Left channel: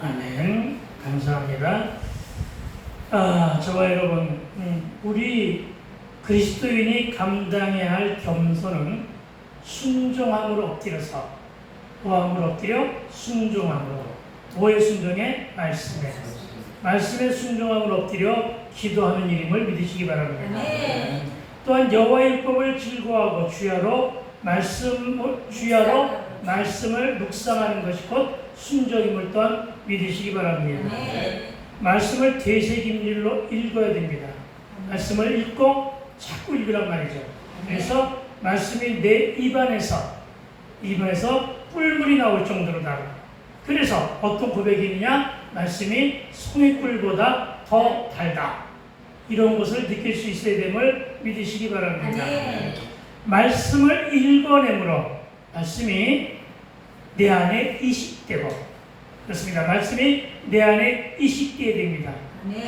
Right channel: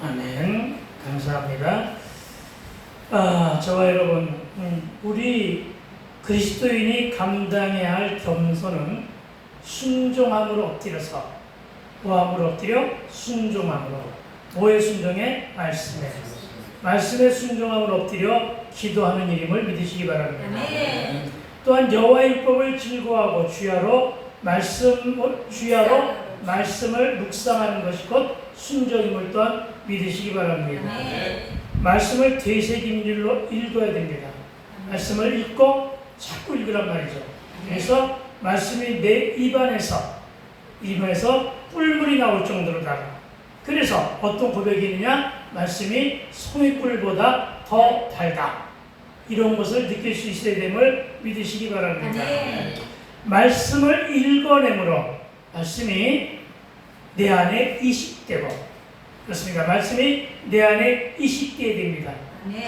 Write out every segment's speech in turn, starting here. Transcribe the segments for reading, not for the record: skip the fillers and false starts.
아멘. 감사합니다. 저와 여러분, 우리 그리스도인이 감당해야 할 겸손은 순종함으로 엎드려서, 뭐함으로 엎드려? 순종함으로. 뭐의 순종에? 말씀에 순종함으로 엎드려 기도하는 일임을 믿으시기 바랍니다. 또한 여호와의 율법을 즐거워하고 주야로 말씀을 묵상하는 것이 곧 순종임을 또한 믿으시기 바랍니다. 말씀을 되새김질로 읽어야 됩니다. 말씀을 읽고 자꾸 읽으란 말이죠. 그래서 말씀이 내 입안에서 꿀물이 나올 정도로다가, 그래서 어떤 고백이 있느냐? 말씀이 송이꿀보다 더 달다. 이런 것을 느낄 수 있어야 됨을 믿으시기 바랍니다. 말씀을 읽어내므로 말씀이 내 안에 이식되고, 그렇습니다. 말씀이 내 안에 이식되어야 됩니다.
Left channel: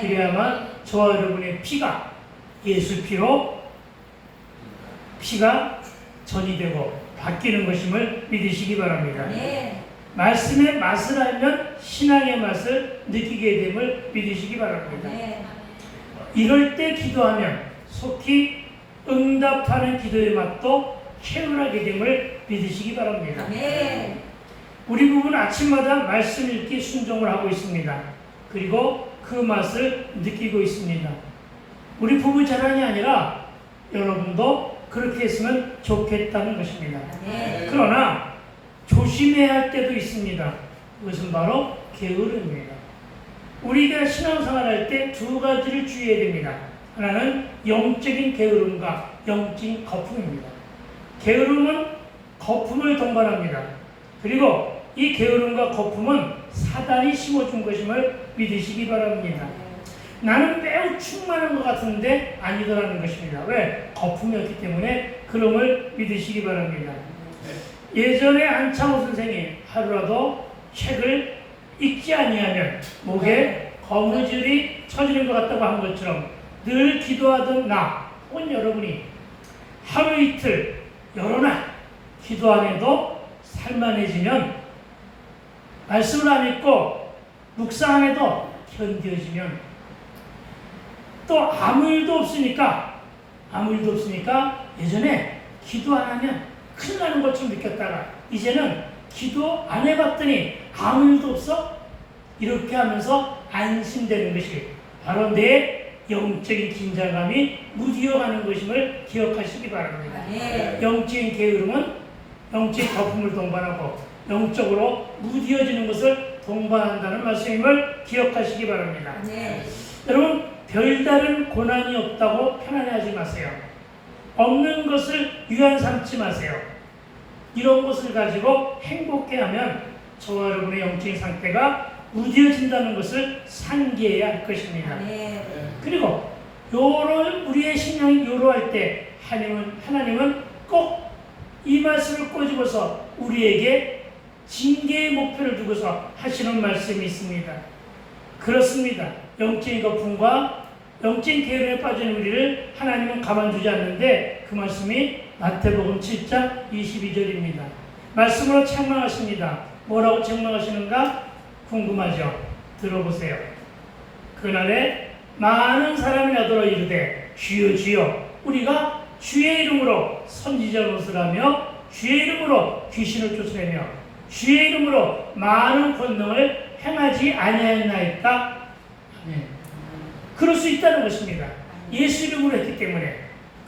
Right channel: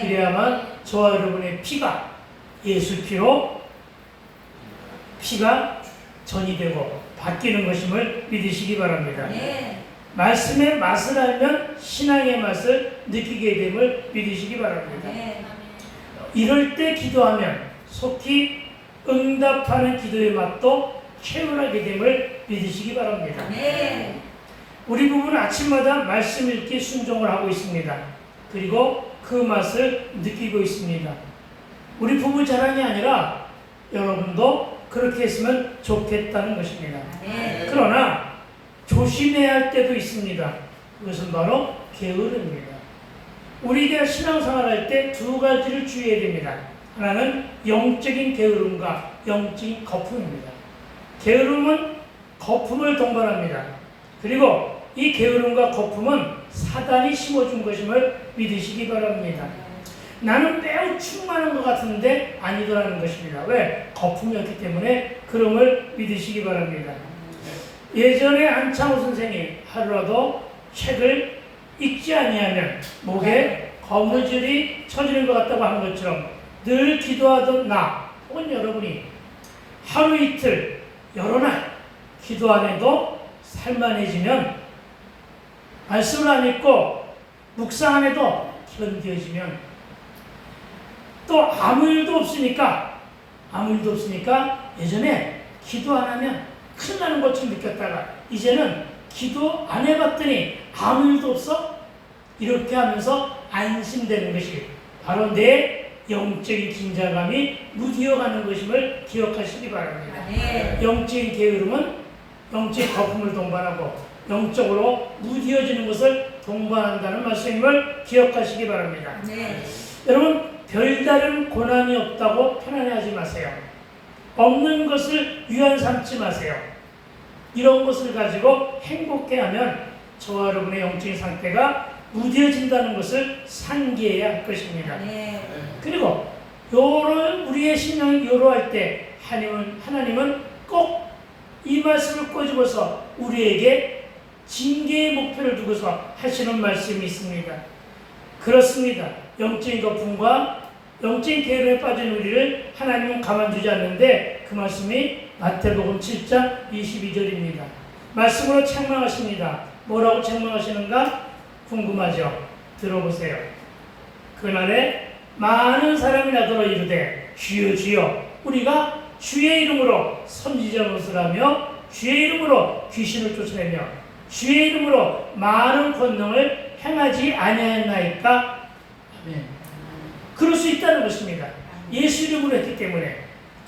그래야만 저와 여러분의 피가 예수 피로 피가 전이되고 바뀌는 것임을 믿으시기 바랍니다. 말씀의 맛을 알면 신앙의 맛을 느끼게 됨을 믿으시기 바랍니다. 이럴 때 기도하면 속히 응답하는 기도의 맛도 채울하게 됨을 믿으시기 바랍니다. 우리 부부는 아침마다 말씀 읽기 순종을 하고 있습니다. 그리고 그 맛을 느끼고 있습니다. 우리 부부 자랑이 아니라 여러분도 그렇게 했으면 좋겠다는 것입니다. 그러나 조심해야 할 때도 있습니다. 그것은 바로 게으름입니다. 우리가 신앙생활 할 때 두 가지를 주의해야 됩니다. 하나는 영적인 게으름과 영적인 거품입니다. 게으름은 거품을 동반합니다. 그리고 이 게으름과 거품은 사단이 심어준 것임을 믿으시기 바랍니다. 나는 매우 충만한 것 같은데 아니더라는 것입니다. 왜? 거품이었기 때문에 그럼을 믿으시기 바랍니다. 예전에 안창호 선생이 하루라도 책을 읽지 아니하면 목에 거무줄이 쳐지는 것 같다고 한 것처럼 늘 기도하던 나 혹은 여러분이 하루 이틀 여러 날 기도 안 해도 살만해지면, 말씀을 안 읽고 묵상 안 해도 견뎌지면, 또 아무 일도 없으니까 예전에 기도 안 하면 큰일 나는 것처럼 느꼈다가 이제는 기도 안 해봤더니 아무 일도 없어? 이렇게 하면서 안심되는 것이 바로 내 영적인 긴장감이 무디어가는 것임을 기억하시기 바랍니다. 영적인 게으름은 영적인 거품을 동반하고 영적으로 무디어지는 것을 동반한다는 말씀임을 기억하시기 바랍니다. 여러분, 별다른 고난이 없다고 편안해하지 마세요. 없는 것을 위안 삼지 마세요. 이런 것을 가지고 행복해하면 저와 여러분의 영적인 상태가 무뎌진다는 것을 상기해야 할 것입니다. 그리고 우리의 심령이 요로할 때 하나님은 꼭 이 말씀을 꼬집어서 우리에게 징계의 목표를 두고서 하시는 말씀이 있습니다. 그렇습니다. 영적인 거품과 영적인 게으름에 빠진 우리를 하나님은 가만두지 않는데 그 말씀이 마태복음 7장 22절입니다. 말씀으로 책망하십니다. 뭐라고 책망하시는가? 궁금하죠? 들어보세요. 그날에 많은 사람이 나더러 이르되 주여 주여 우리가 주의 이름으로 선지자 노릇을 하며 주의 이름으로 귀신을 쫓아내며 주의 이름으로 많은 권능을 행하지 아니하였나이까? 아멘. 그럴 수 있다는 것입니다. 예수 이름으로 했기 때문에.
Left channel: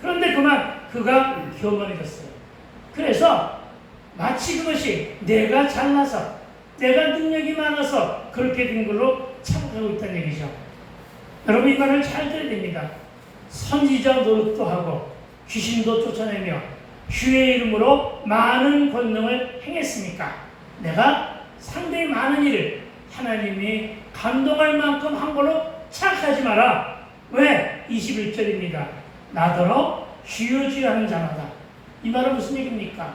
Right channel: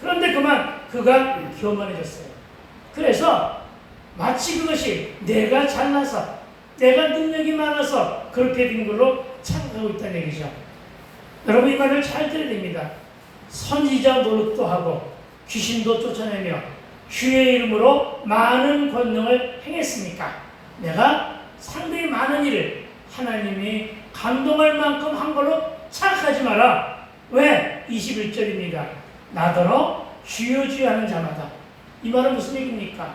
그런데 그가 교만해졌어요. 그래서 마치 그것이 내가 잘나서 내가 능력이 많아서 그렇게 된 걸로 착각하고 있다는 얘기죠. 여러분, 이 말을 잘 들어야 됩니다. 선지자 노릇도 하고 귀신도 쫓아내며 주의 이름으로 많은 권능을 행했습니까? 내가 상당히 많은 일을 하나님이 감동할 만큼 한 걸로 착각하지 마라. 왜? 21절입니다. 나더러 주여 주여 하는 자마다. 이 말은 무슨 얘기입니까?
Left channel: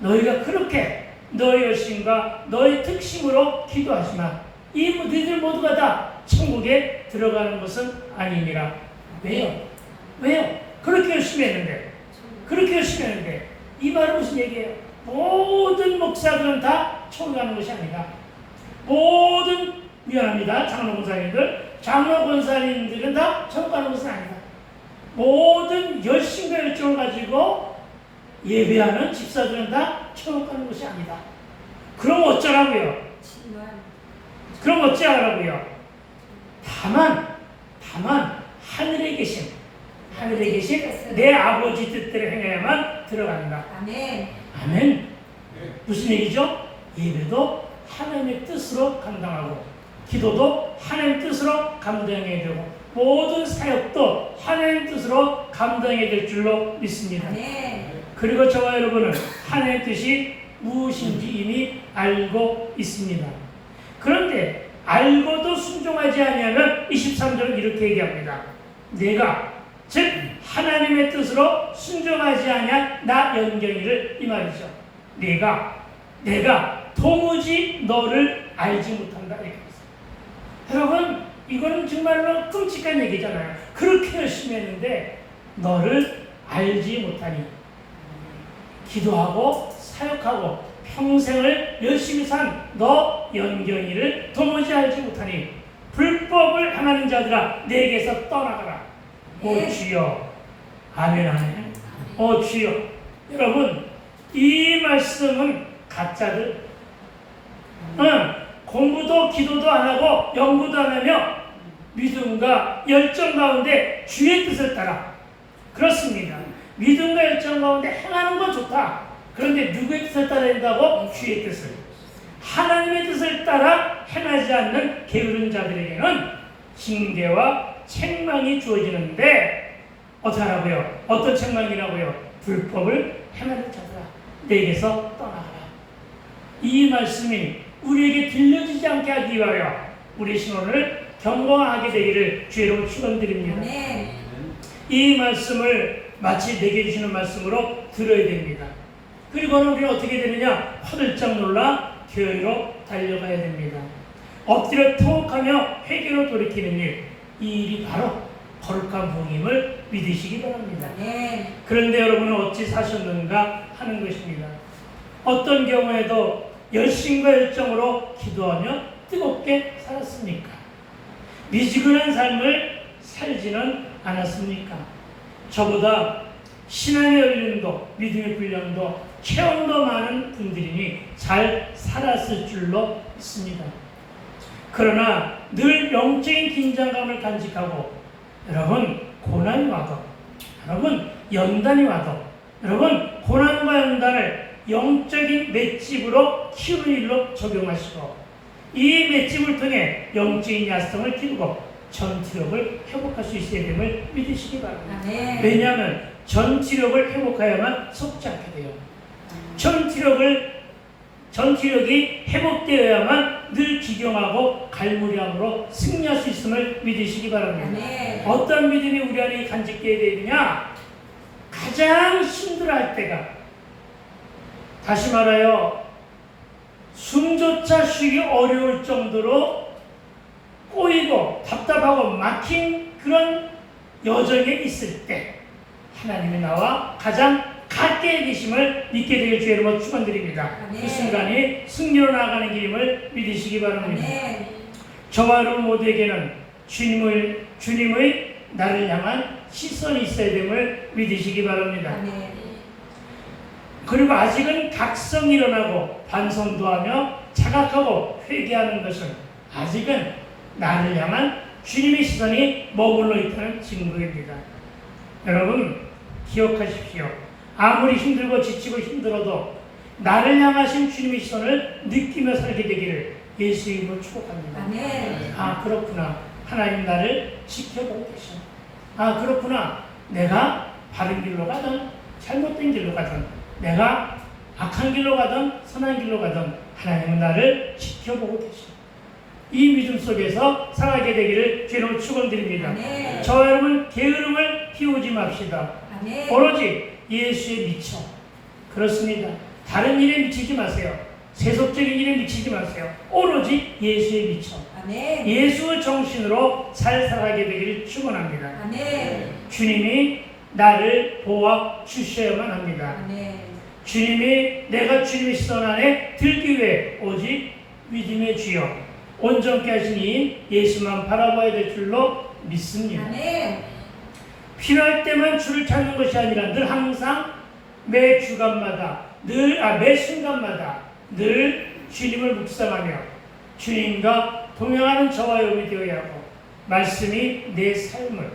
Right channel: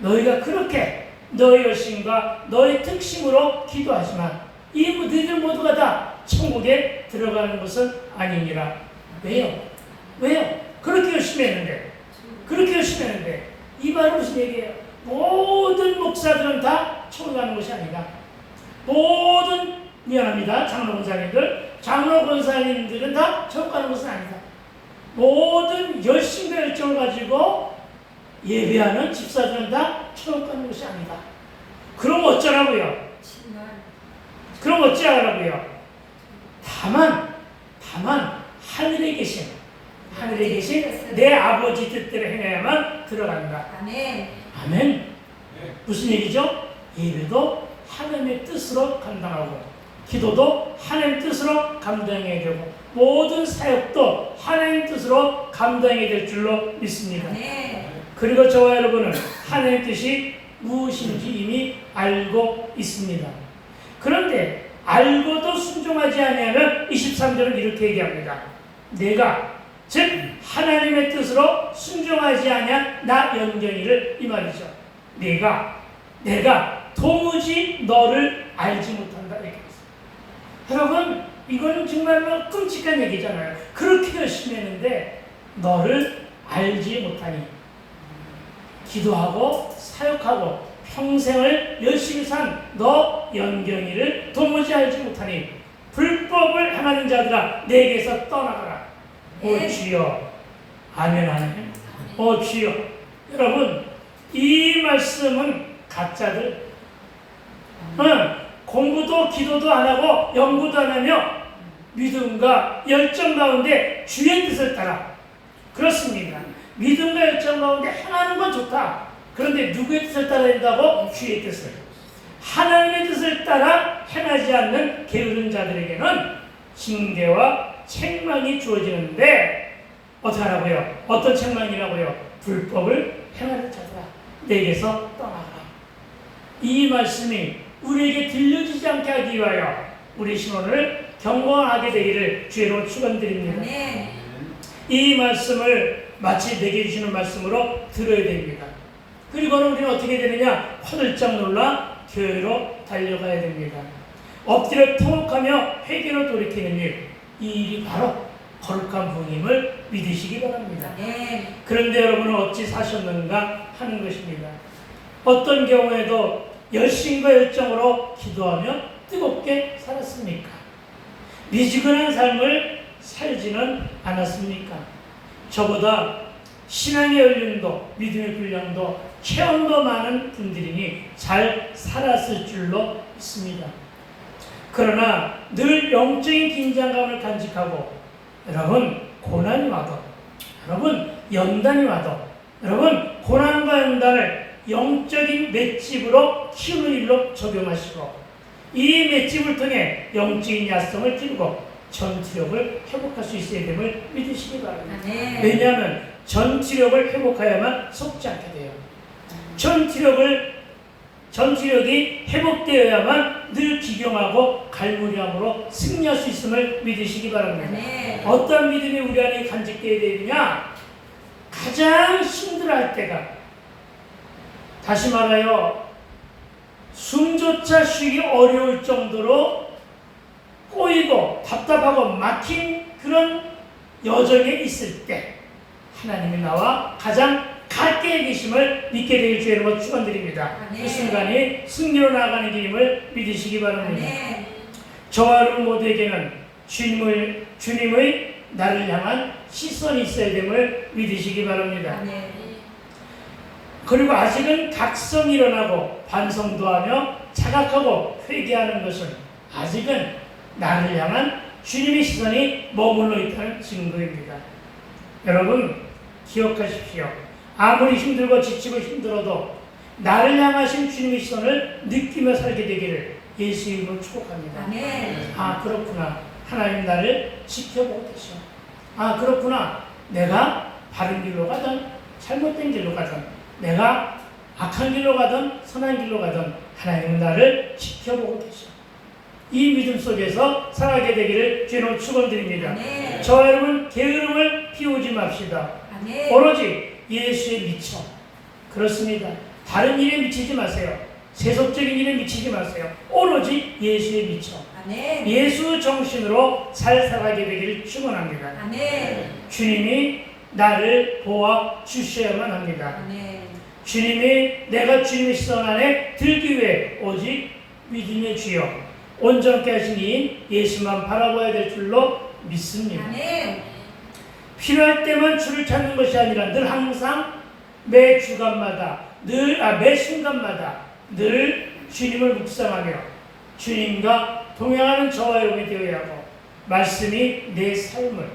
너희가 그렇게 너의 열심과 너의 특심으로 기도하지만 너희들 모두가 다 천국에 들어가는 것은 아니니라. 왜요? 그렇게 열심히 했는데 이 말은 무슨 얘기예요? 모든 목사들은 다 천국 가는 것이 아니라 모든 미안합니다. 장로 권사님들. 장로 권사님들은 다 천국 가는 것은 아니다. 모든 열심과 열정을 가지고 예배하는 집사들은 다 천국 가는 것이 아니다. 그럼 어쩌라고요? 그럼 어찌하라고요? 다만 하늘에 계신 내 아버지 뜻대로 행해야만 들어간다. 아멘. 아멘. 무슨 얘기죠? 예배도 하나님의 뜻으로 감당하고, 기도도 하나님의 뜻으로 감당해야 되고, 모든 사역도 하나님의 뜻으로 감당해야 될 줄로 믿습니다. 아멘. 그리고 저와 여러분은 하나님의 뜻이 무엇인지 이미 알고 있습니다. 그런데 알고도 순종하지 아니하면 23절은 이렇게 얘기합니다. 내가 즉 하나님의 뜻으로 순종하지 아니한 나 연경이를, 이 말이죠. 내가 도무지 너를 알지 못한다. 여러분, 이거는 정말로 끔찍한 얘기잖아요. 그렇게 열심히 했는데 너를 알지 못하니, 기도하고 사역하고 평생을 열심히 산 너 연경이를 도무지 알지 못하니 불법을 행하는 자들아 내게서 떠나가라. 오 주여. 아멘 아멘. 오 주여. 여러분, 이 말씀은 가짜들, 공부도 기도도 안 하고 연구도 안 하며 믿음과 열정 가운데 주의 뜻을 따라, 그렇습니다. 믿음과 열정 가운데 행하는 건 좋다. 그런데 누구의 뜻을 따라야 된다고? 주의 뜻을. 하나님의 뜻을 따라 행하지 않는 게으른 자들에게는 징계와 책망이 주어지는데, 어떻게 하라고요? 어떤 책망이라고요? 불법을 행하는 자들아 내게서 떠나가라. 이 말씀이 우리에게 들려지지 않게 하기 위하여 우리 신혼을 경고하게 되기를 주의로 축원드립니다. 아멘. 이 말씀을 마치 내게 주시는 말씀으로 들어야 됩니다. 그리고는 우리는 어떻게 되느냐? 화들짝 놀라 교회로 달려가야 됩니다. 엎드려 통곡하며 회개로 돌이키는 일, 이 일이 바로 거룩한 부임을 믿으시기 바랍니다. 아멘. 그런데 여러분은 어찌 사셨는가 하는 것입니다. 어떤 경우에도 열심과 열정으로 기도하며 뜨겁게 살았습니까? 미지근한 삶을 살지는 않았습니까? 저보다 신앙의 연륜도 믿음의 분량도 체험도 많은 분들이니 잘 살았을 줄로 믿습니다. 그러나 늘 영적인 긴장감을 간직하고, 여러분 고난이 와도, 여러분 연단이 와도, 여러분 고난과 연단을 영적인 맷집으로 키우는 일로 적용하시고, 이 맷집을 통해 영적인 야성을 기르고 전투력을 회복할 수 있어야 됨을 믿으시기 바랍니다. 아멘. 왜냐하면 전투력을 회복해야만 속지 않게 돼요. 전투력이 회복되어야만 늘 기경하고 갈무리함으로 승리할 수 있음을 믿으시기 바랍니다. 아멘. 어떤 믿음이 우리 안에 간직되어야 되느냐? 가장 힘들어할 때가, 다시 말하여 숨조차 쉬기 어려울 정도로 꼬이고 답답하고 막힌 그런 여정에 있을 때 하나님이 나와 가장 가까이 계심을 믿게 되길 주의 이름으로 축원드립니다. 아멘. 그 순간이 승리로 나아가는 길임을 믿으시기 바랍니다. 아멘. 저와 여러분 모두에게는 주님의 나를 향한 시선이 있어야 됨을 믿으시기 바랍니다. 아멘. 그리고 아직은 각성이 일어나고 반성도 하며 자각하고 회개하는 것은 아직은 나를 향한 주님의 시선이 머물러 있다는 증거입니다. 여러분 기억하십시오. 아무리 힘들고 지치고 힘들어도 나를 향하신 주님의 시선을 느끼며 살게 되기를 예수의 이름으로 축복합니다. 아멘. 아 그렇구나. 하나님 나를 지켜보고 계셔. 아 그렇구나. 내가 바른 길로 가든 잘못된 길로 가든, 내가 악한 길로 가든 선한 길로 가든 하나님은 나를 지켜보고 계셔. 이 믿음 속에서 살아가게 되기를 주님으로 축원드립니다. 아멘. 저와 여러분 게으름을 피우지 맙시다. 아멘. 오로지 예수에 미쳐. 그렇습니다. 다른 일에 미치지 마세요. 세속적인 일에 미치지 마세요. 오로지 예수에 미쳐. 아멘. 예수 정신으로 잘 살아가게 되기를 축원합니다. 아멘. 주님이 나를 보아 주셔야만 합니다. 아멘. 주님이 내가 주님의 시선 안에 들기 위해 오직 믿음의 주여 온전케 하신 이인 예수만 바라봐야 될 줄로 믿습니다. 아멘. 필요할 때만 주를 찾는 것이 아니라 늘 항상 매 주간마다 매 순간마다 늘 주님을 묵상하며 주님과 동행하는 저와 여러분이 되어야 하고 말씀이 내 삶을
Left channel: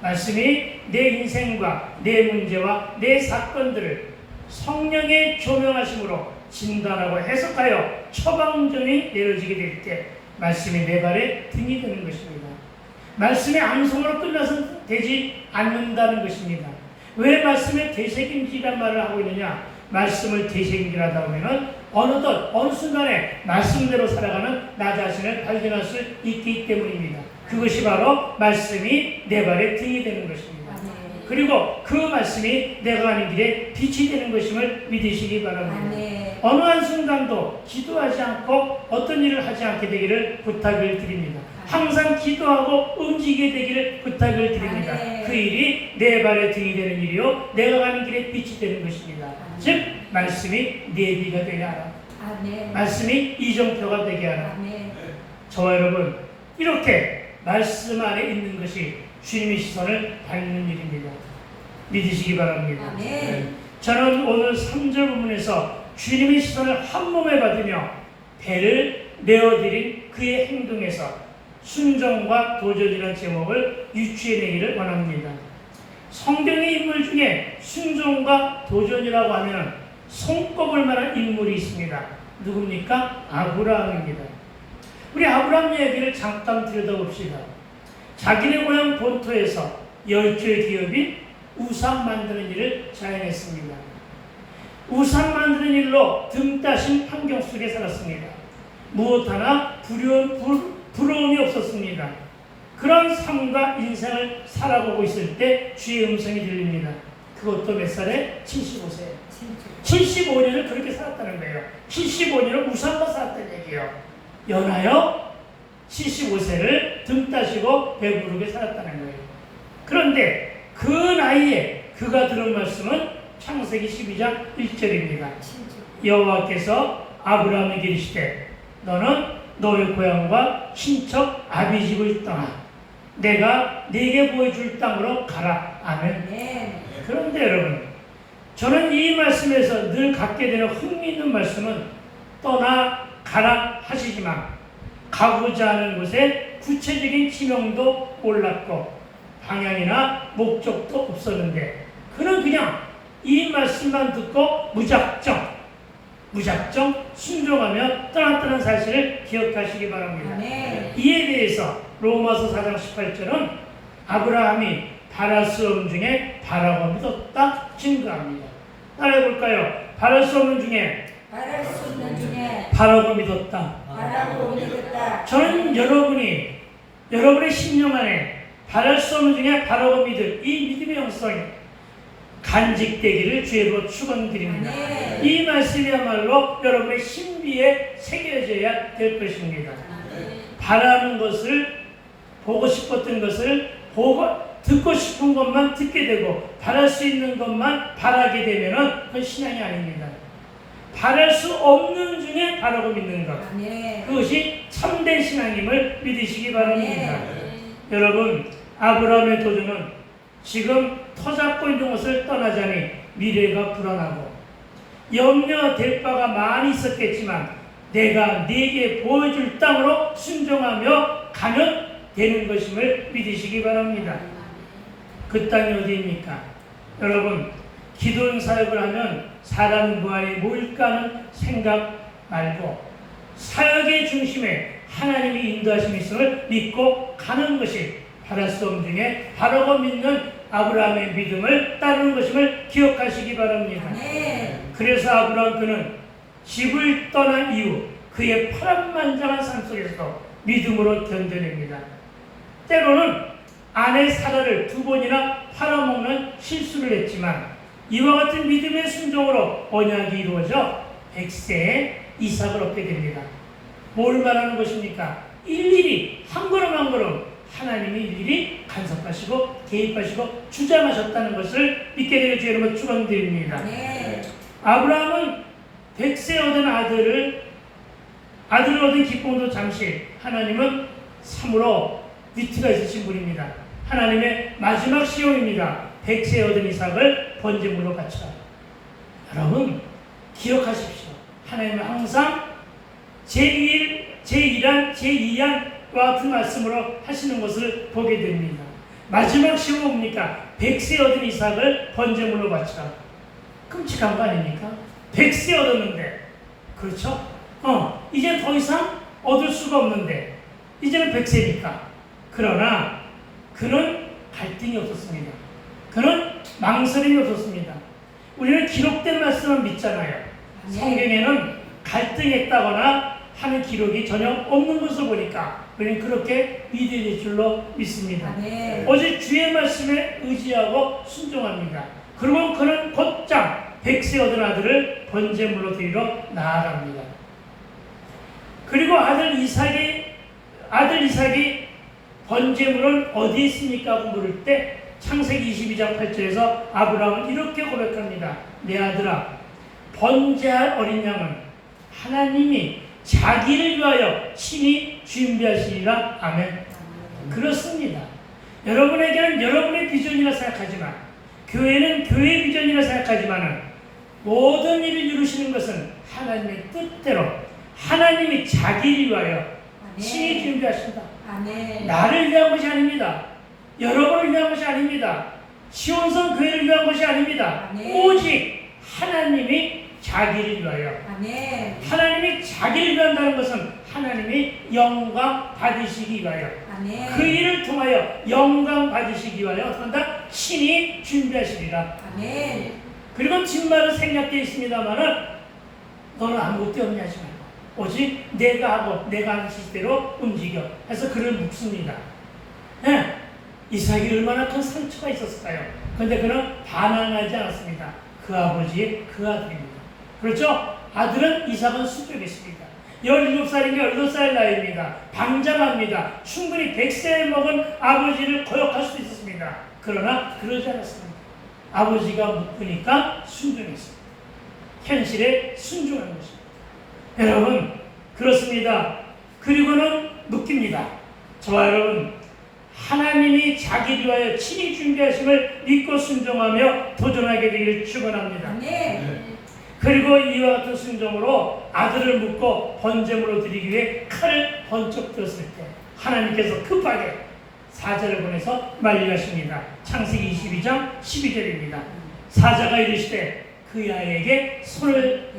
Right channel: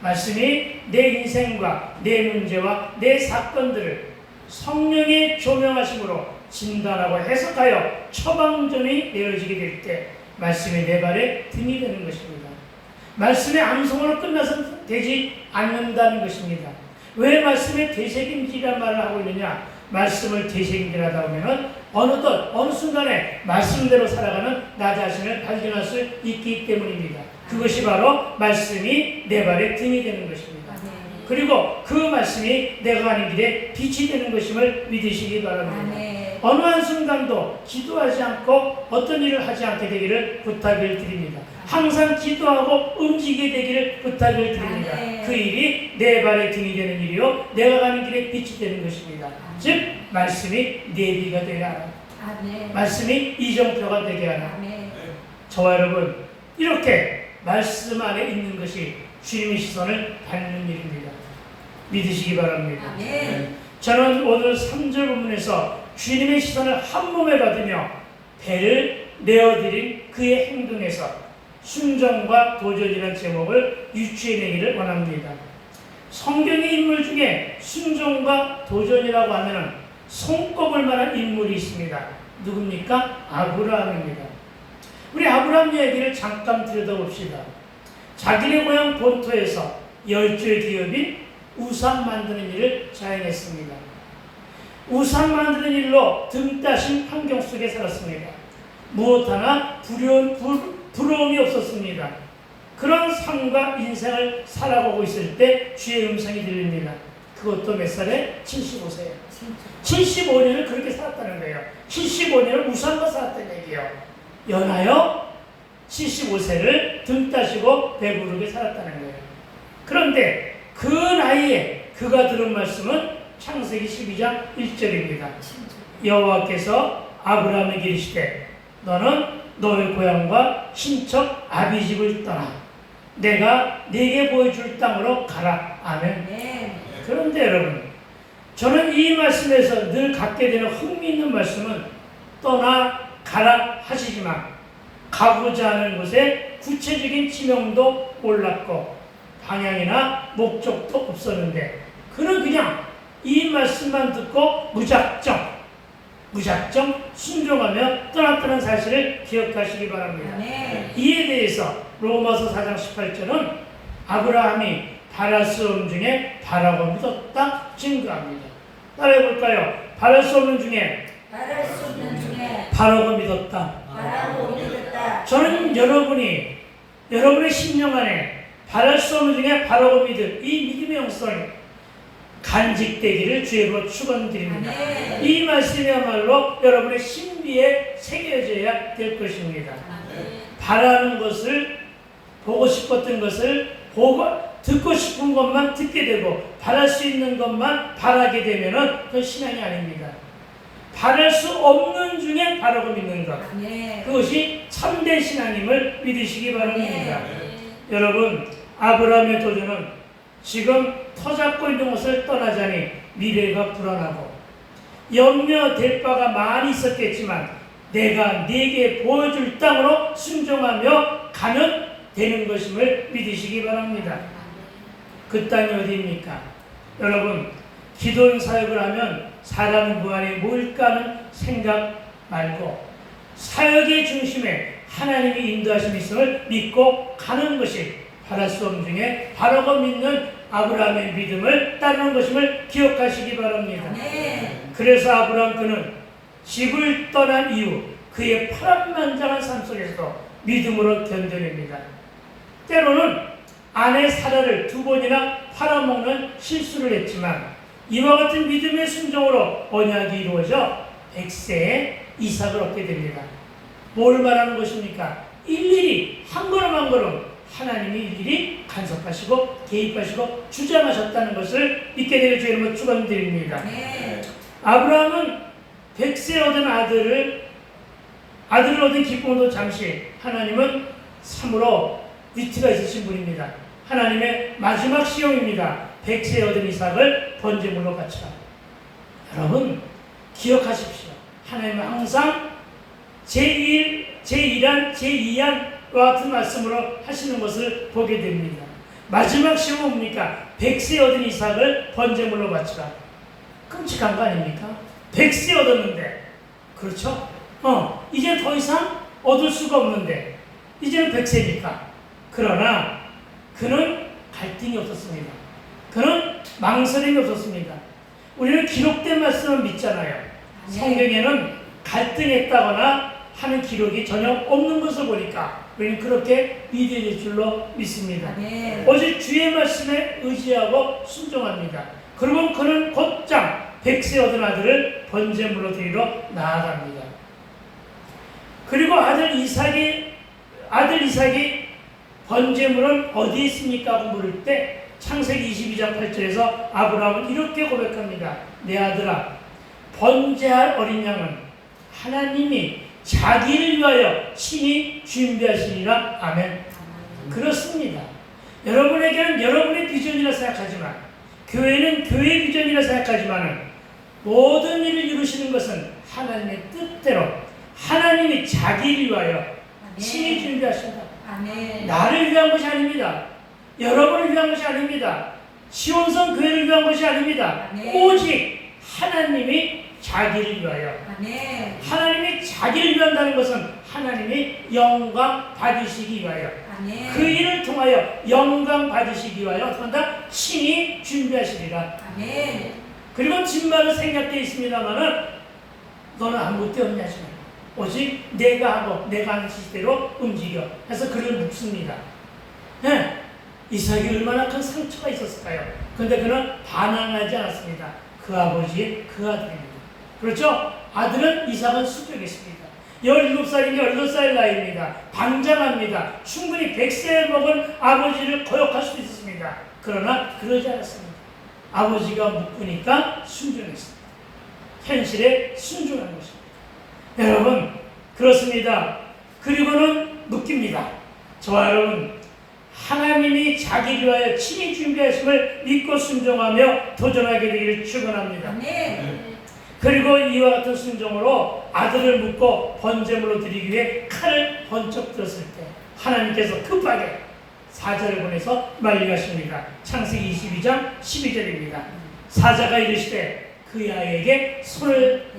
말씀이 내 인생과 내 문제와 내 사건들을 성령의 조명하심으로 진단하고 해석하여 처방전이 내려지게 될 때 말씀이 내 발에 등이 되는 것입니다. 말씀의 암송으로 끝나서 되지 않는다는 것입니다. 왜 말씀의 되새김질이라는 말을 하고 있느냐? 말씀을 되새김질하다 보면 어느 순간에 말씀대로 살아가는 나 자신을 발견할 수 있기 때문입니다. 그것이 바로 말씀이 내 발에 등이 되는 것입니다. 그리고 그 말씀이 내가 가는 길에 빛이 되는 것임을 믿으시기 바랍니다. 어느 한순간도 기도하지 않고 어떤 일을 하지 않게 되기를 부탁을 드립니다. 항상 기도하고 움직이게 되기를 부탁을 드립니다. 그 일이 내 발에 등이 되는 일이요 내가 가는 길에 빛이 되는 것입니다. 즉 말씀이 내비가 되게 하라. 말씀이 이정표가 되게 하라. 저와 여러분 이렇게 말씀 안에 있는 것이 주님의 시선을 받는 일입니다. 믿으시기 바랍니다. 저는 오늘 3절 본문에서 주님의 시선을 한 몸에 받으며 배를 내어드린 그의 행동에서 순종과 도전이라는 제목을 유추해내기를 원합니다. 성경의 인물 중에 순종과 도전이라고 하면 손꼽을 만한 인물이 있습니다. 누굽니까? 아브라함입니다. 우리 아브라함 이야기를 잠깐 들여다봅시다. 자기네 고향 본토에서 열조의 기업인 우상 만드는 일을 자행했습니다. 우상 만드는 일로 등 따신 환경 속에 살았습니다. 무엇 하나 부러움이 없었습니다. 그런 삶과 인생을 살아가고 있을 때 주의 음성이 들립니다. 그것도 몇 살에? 75세예요. 75년을 그렇게 살았다는 거예요. 75년을 우상과 살았다는 얘기예요. 연하여 75세를 등 따시고 배부르게 살았다는 거예요. 그런데 그 나이에 그가 들은 말씀은 창세기 12장 1절입니다. 여호와께서 아브라함에게 이르시되 너는 너의 고향과 친척 아비 집을 떠나 내가 네게 보여줄 땅으로 가라. 아멘. 그런데 여러분 저는 이 말씀에서 늘 갖게 되는 흥미있는 말씀은 떠나 가라 하시지만 가고자 하는 곳에 구체적인 지명도 몰랐고 방향이나 목적도 없었는데 그는 그냥 이 말씀만 듣고 무작정 순종하며 떠났다는 사실을 기억하시기 바랍니다. 이에 대해서 로마서 4장 18절은 아브라함이 바랄 수 없는 중에 바라고 믿었다 증거합니다. 따라해볼까요? 바랄 수 없는 중에 바라고 믿었다. 저는 여러분의 심령 안에 바랄 수 없는 중에 바라고 믿을 이 믿음의 영성이 간직되기를 주의로 축원드립니다. 이 말씀이야말로 여러분의 신비에 새겨져야 될 것입니다. 바라는 것을 보고 싶었던 것을 듣고 싶은 것만 듣게 되고 바랄 수 있는 것만 바라게 되면은 그건 신앙이 아닙니다. 바랄 수 없는 중에 바라고 믿는 것. 그것이 참된 신앙임을 믿으시기 바랍니다. 여러분 아브라함의 도전은 지금 터잡고 있는 것을 떠나자니 미래가 불안하고 염려될 바가 많이 있었겠지만 내가 네게 보여줄 땅으로 순종하며 가면 되는 것임을 믿으시기 바랍니다. 그 땅이 어디입니까? 여러분 기도원 사역을 하면 사람은 무한히 뭘까 하는 생각 말고 사역의 중심에 하나님의 인도하심이 있음을 믿고 가는 것이 바랄 수 없는 중에 바라고 믿는 아브라함의 믿음을 따르는 것임을 기억하시기 바랍니다. 그래서 아브라함 그는 집을 떠난 이후 그의 파란만장한 삶 속에서 믿음으로 견뎌냅니다. 때로는 아내 사라를 2번이나 팔아먹는 실수를 했지만 이와 같은 믿음의 순종으로 언약이 이루어져 100세에 이삭을 얻게 됩니다. 뭘 말하는 것입니까? 일일이 한 걸음 한 걸음 하나님이 일일이 간섭하시고 개입하시고 주장하셨다는 것을 믿게 되길 주의 이름으로 축원드립니다. 아브라함은 100세 얻은 아들을 얻은 기쁨도 잠시. 하나님은 참으로 위트가 있으신 분입니다. 하나님의 마지막 시험입니다. 백세 얻은 이삭을 번제물로 바치라. 여러분 기억하십시오. 하나님은 항상 제1, 제1한, 제2한과 같은 말씀으로 하시는 것을 보게 됩니다. 마지막 시험은 뭡니까? 백세 얻은 이삭을 번제물로 바치라. 끔찍한 거 아닙니까? 백세 얻었는데, 그렇죠? 이제 더 이상 얻을 수가 없는데, 이제는 백세니까. 그러나 그는 갈등이 없었습니다. 그는 망설임이 없었습니다. 우리는 기록된 말씀을 믿잖아요. 성경에는 갈등했다거나 하는 기록이 전혀 없는 것을 보니까 우리는 그렇게 위대할 줄로 믿습니다. 오직 주의 말씀에 의지하고 순종합니다. 그리고 그는 곧장 백세 얻은 아들을 번제물로 드리러 나아갑니다. 그리고 아들 이삭이 번제물은 어디에 있습니까? 하고 물을 때 창세기 22장 8절에서 아브라함은 이렇게 고백합니다. 내 아들아, 번제할 어린 양은 하나님이 자기를 위하여 친히 준비하시리라. 아멘. 그렇습니다. 여러분에게는 여러분의 비전이라 생각하지만, 교회는 교회의 비전이라 생각하지만, 모든 일을 이루시는 것은 하나님의 뜻대로 하나님이 자기를 위하여 친히 준비하신다. 나를 위한 것이 아닙니다. 여러분을 위한 것이 아닙니다. 시온성 교회를 위한 것이 아닙니다. 오직 하나님이 자기를 위하여. 하나님이 자기를 위한다는 것은 하나님이 영광 받으시기 위하여. 그 일을 통하여 영광 받으시기 위하여 어떻게 한다? 친히 준비하시리라. 그리고 뒷말은 생략되어 있습니다만은 너는 아무것도 없냐 하시는 오직 내가 하고 내가 하는 시대로 움직여 해서 그를 묻습니다. 이삭이 얼마나 큰 상처가 있었을까요? 그런데 그는 반항하지 않았습니다. 그 아버지의 그 아들입니다. 그렇죠? 아들은 이삭은 수족했습니다. 17살인데 18살 나이입니다. 방장합니다. 충분히 100세를 먹은 아버지를 거역할 수도 있었습니다. 그러나 그러지 않았습니다. 아버지가 묻으니까 순종했습니다. 현실에 순종한 것입니다. 여러분 그렇습니다. 그리고는 묻깁니다. 저와 여러분, 하나님이 자기를 위하여 친히 준비하심을 믿고 순종하며 도전하게 되기를 축원합니다. 그리고 이와 같은 순종으로 아들을 묻고 번제물로 드리기 위해 칼을 번쩍 들었을 때 하나님께서 급하게 사자를 보내서 말리하십니다. 창세기 22장 12절입니다. 사자가 이르시되 그 아이에게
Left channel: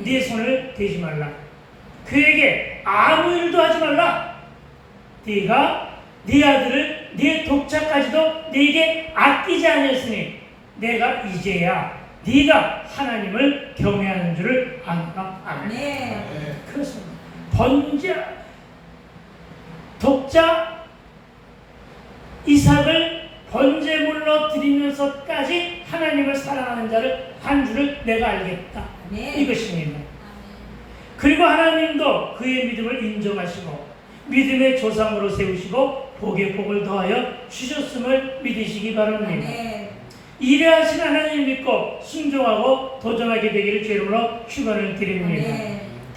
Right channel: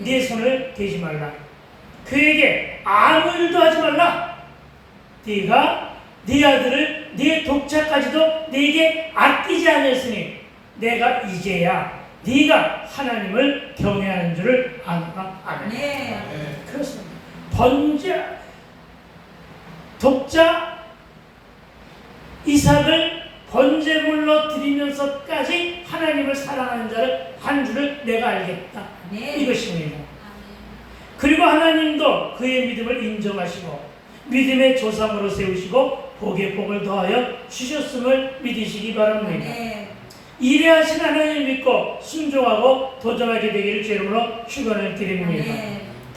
네 손을 대지 말라. 그에게 아무 일도 하지 말라. 네가 네 아들을 네 독자까지도 네게 아끼지 아니했으니 내가 이제야 네가 하나님을 경외하는 줄을 아노라. 아멘. 그렇습니다. 독자 이삭을 번제물로 드리면서까지 하나님을 사랑하는 자를 한 줄을 내가 알겠다. 이것입니다. 그리고 하나님도 그의 믿음을 인정하시고 믿음의 조상으로 세우시고 복에 복을 더하여 주셨음을 믿으시기 바랍니다. 이래 하신 하나님 믿고 순종하고 도전하게 되기를 주님으로 축원을 드립니다.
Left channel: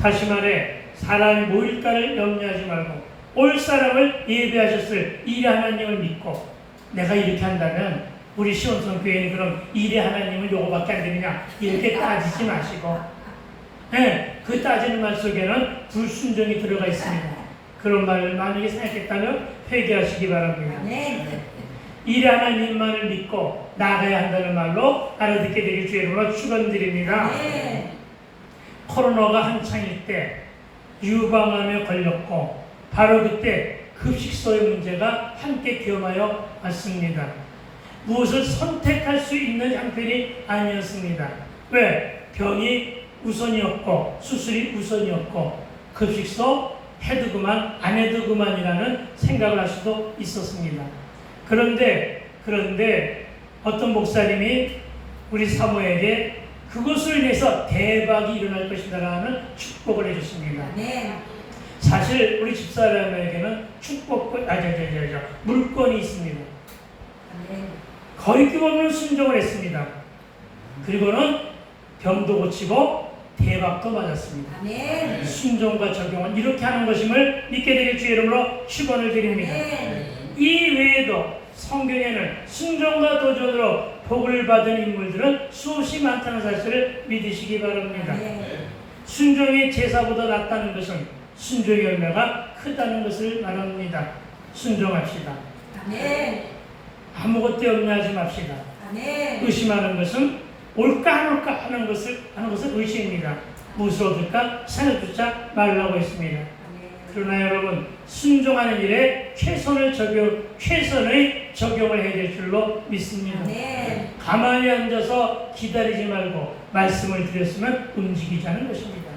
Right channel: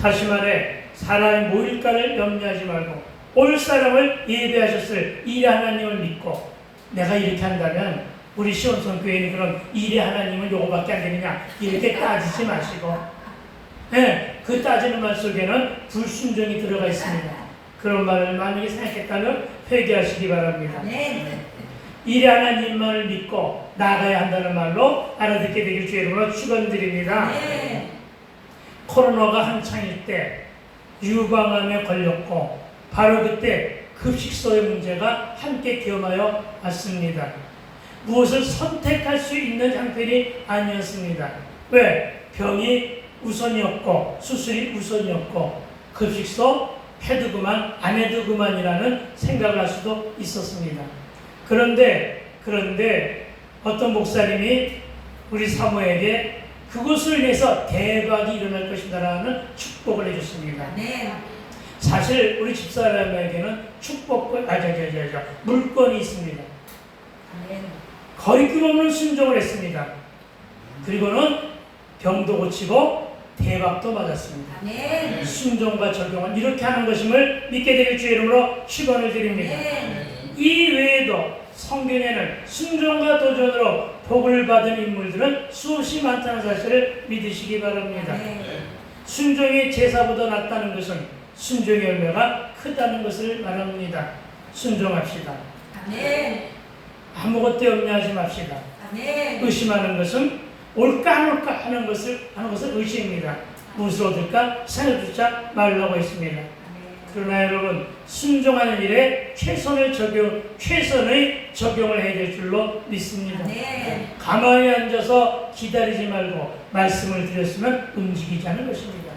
다시 말해 사람이 모일까를 염려하지 말고 올 사람을 예배하셨을 이래 하나님을 믿고 내가 이렇게 한다면 우리 시온성 교회는 그럼 이래 하나님은 요거밖에 안 되느냐 이렇게 따지지 마시고 그 따지는 말 속에는 불순종이 들어가 있습니다. 그런 말을 만약에 생각했다면 회개하시기 바랍니다. 이래 하나님만을 믿고 나가야 한다는 말로 알아듣게 되길 주의 이름으로 축원드립니다. 코로나가 한창일 때 유방암에 걸렸고 바로 그때 급식소의 문제가 함께 기험하여 왔습니다. 무엇을 선택할 수 있는 형편이 아니었습니다. 왜? 병이 우선이었고 수술이 우선이었고 급식소 해도 그만 안 해도 그만이라는 생각을 할 수도 있었습니다. 그런데 어떤 목사님이 우리 사모에게 그것을 위해서 대박이 일어날 것이다라는 축복을 해줬습니다. 사실 우리 집사람에게는 물건이 있습니다. 거리낌 없는 순종을 했습니다. 그리고는 병도 고치고 대박도 맞았습니다. 아멘. 순종과 적용은 이렇게 하는 것임을 믿게 되길 주의 이름으로 축원을 드립니다. 이 외에도 성경에는 순종과 도전으로 복을 받은 인물들은 수없이 많다는 사실을 믿으시기 바랍니다. 순종이 제사보다 낫다는 것은 순종의 열매가 크다는 것을 말합니다. 순종합시다. 아멘. 아무것도 염려하지 맙시다. 아멘. 의심하는 것은 올까 안 올까 하는 것을 의심입니다. 무엇을 얻을까 사여두자 말라고 했습니다. 그러나 여러분, 순종하는 일에 최선의 적용을 해야 될 줄로 믿습니다. 가만히 앉아서 기다리지 말고 말씀을 드렸으면 움직이자는 것입니다.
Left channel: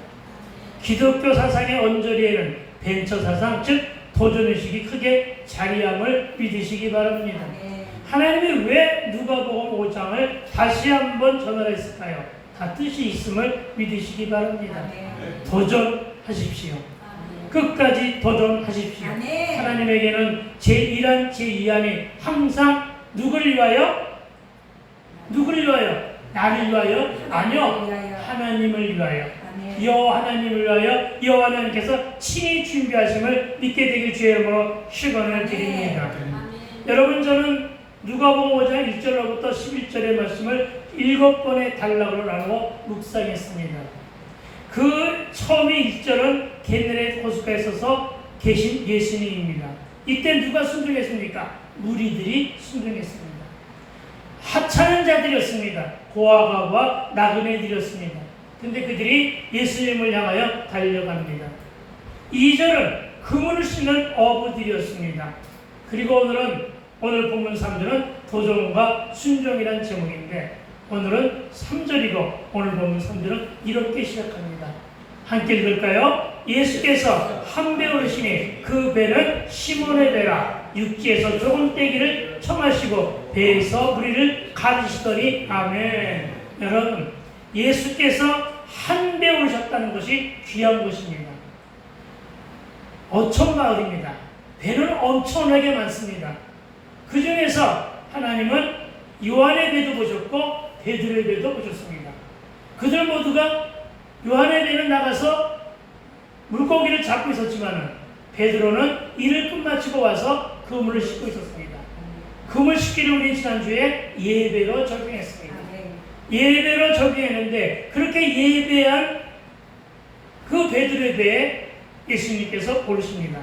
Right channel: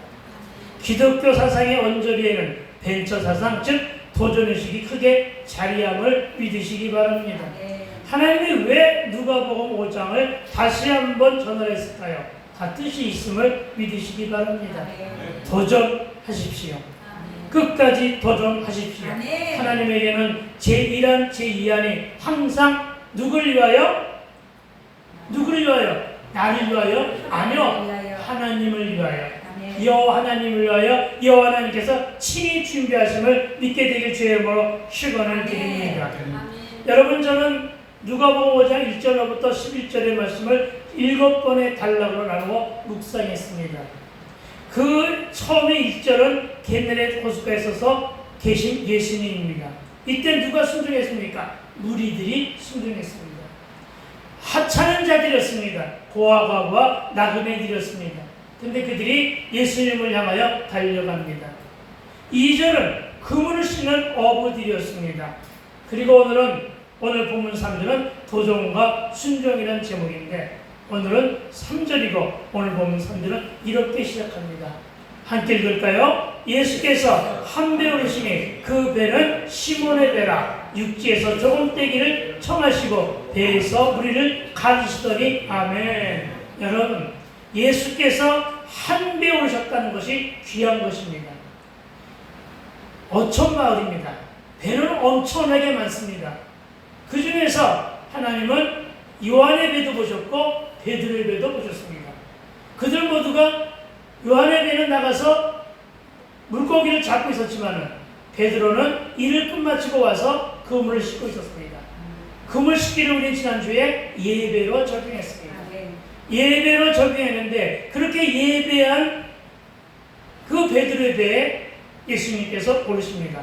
기독교 사상의 언저리에는 벤처 사상, 즉 도전의식이 크게 자리함을 믿으시기 바랍니다. 하나님이 왜 누가복음 5장을 다시 한번 전하했을까요? 다 뜻이 있음을 믿으시기 바랍니다. 도전하십시오. 끝까지 도전하십시오. 하나님에게는 제1안, 제2안이 항상 누구를 위하여? 누구를 위하여? 나를 위하여? 아니요. 하나님을 위하여. 여호와 하나님을 위하여 여호와 하나님께서 친히 준비하심을 믿게 되길 주의 이름으로 축원을 드립니다. 여러분, 저는 누가복음 5장 1절로부터 11절의 말씀을 7번의 단락으로 나누어 묵상했습니다. 그 처음에 1절은 게네렛 호숫가에 서서 계신 예수님입니다. 이때 누가 순종했습니까? 무리들이 순종했습니다. 하찮은 자들이었습니다. 고아가와 나그네들이었습니다. 근데 그들이 예수님을 향하여 달려갑니다. 2절은 그물을 씌는 어부들이었습니다. 그리고 오늘 본문 3절은 도전과 순종이라는 제목인데, 오늘은 3절이고 오늘 본문 3절은 이렇게 시작합니다. 함께 읽을까요? 예수께서 한 배 오르시니 그 배는 시몬의 배라. 육지에서 조금 떼기를 청하시고 배에서 무리를 가르치시더니. 아멘. 여러분, 예수께서 한 배 오르셨다는 것이 귀한 것입니다. 어촌마을입니다. 배는 엄청나게 많습니다. 그 중에서 하나님은 요한의 배도 보셨고 베드로의 배도 보셨습니다. 그들 모두가 요한의 배는 나가서 물고기를 잡고 있었지만 베드로는 일을 끝마치고 와서 그물을 싣고 있었습니다. 그물 싣기를 우리 지난주에 예배로 적용했습니다. 예배로 적용했는데 그렇게 예배한 그 베드로의 배에 예수님께서 오르십니다.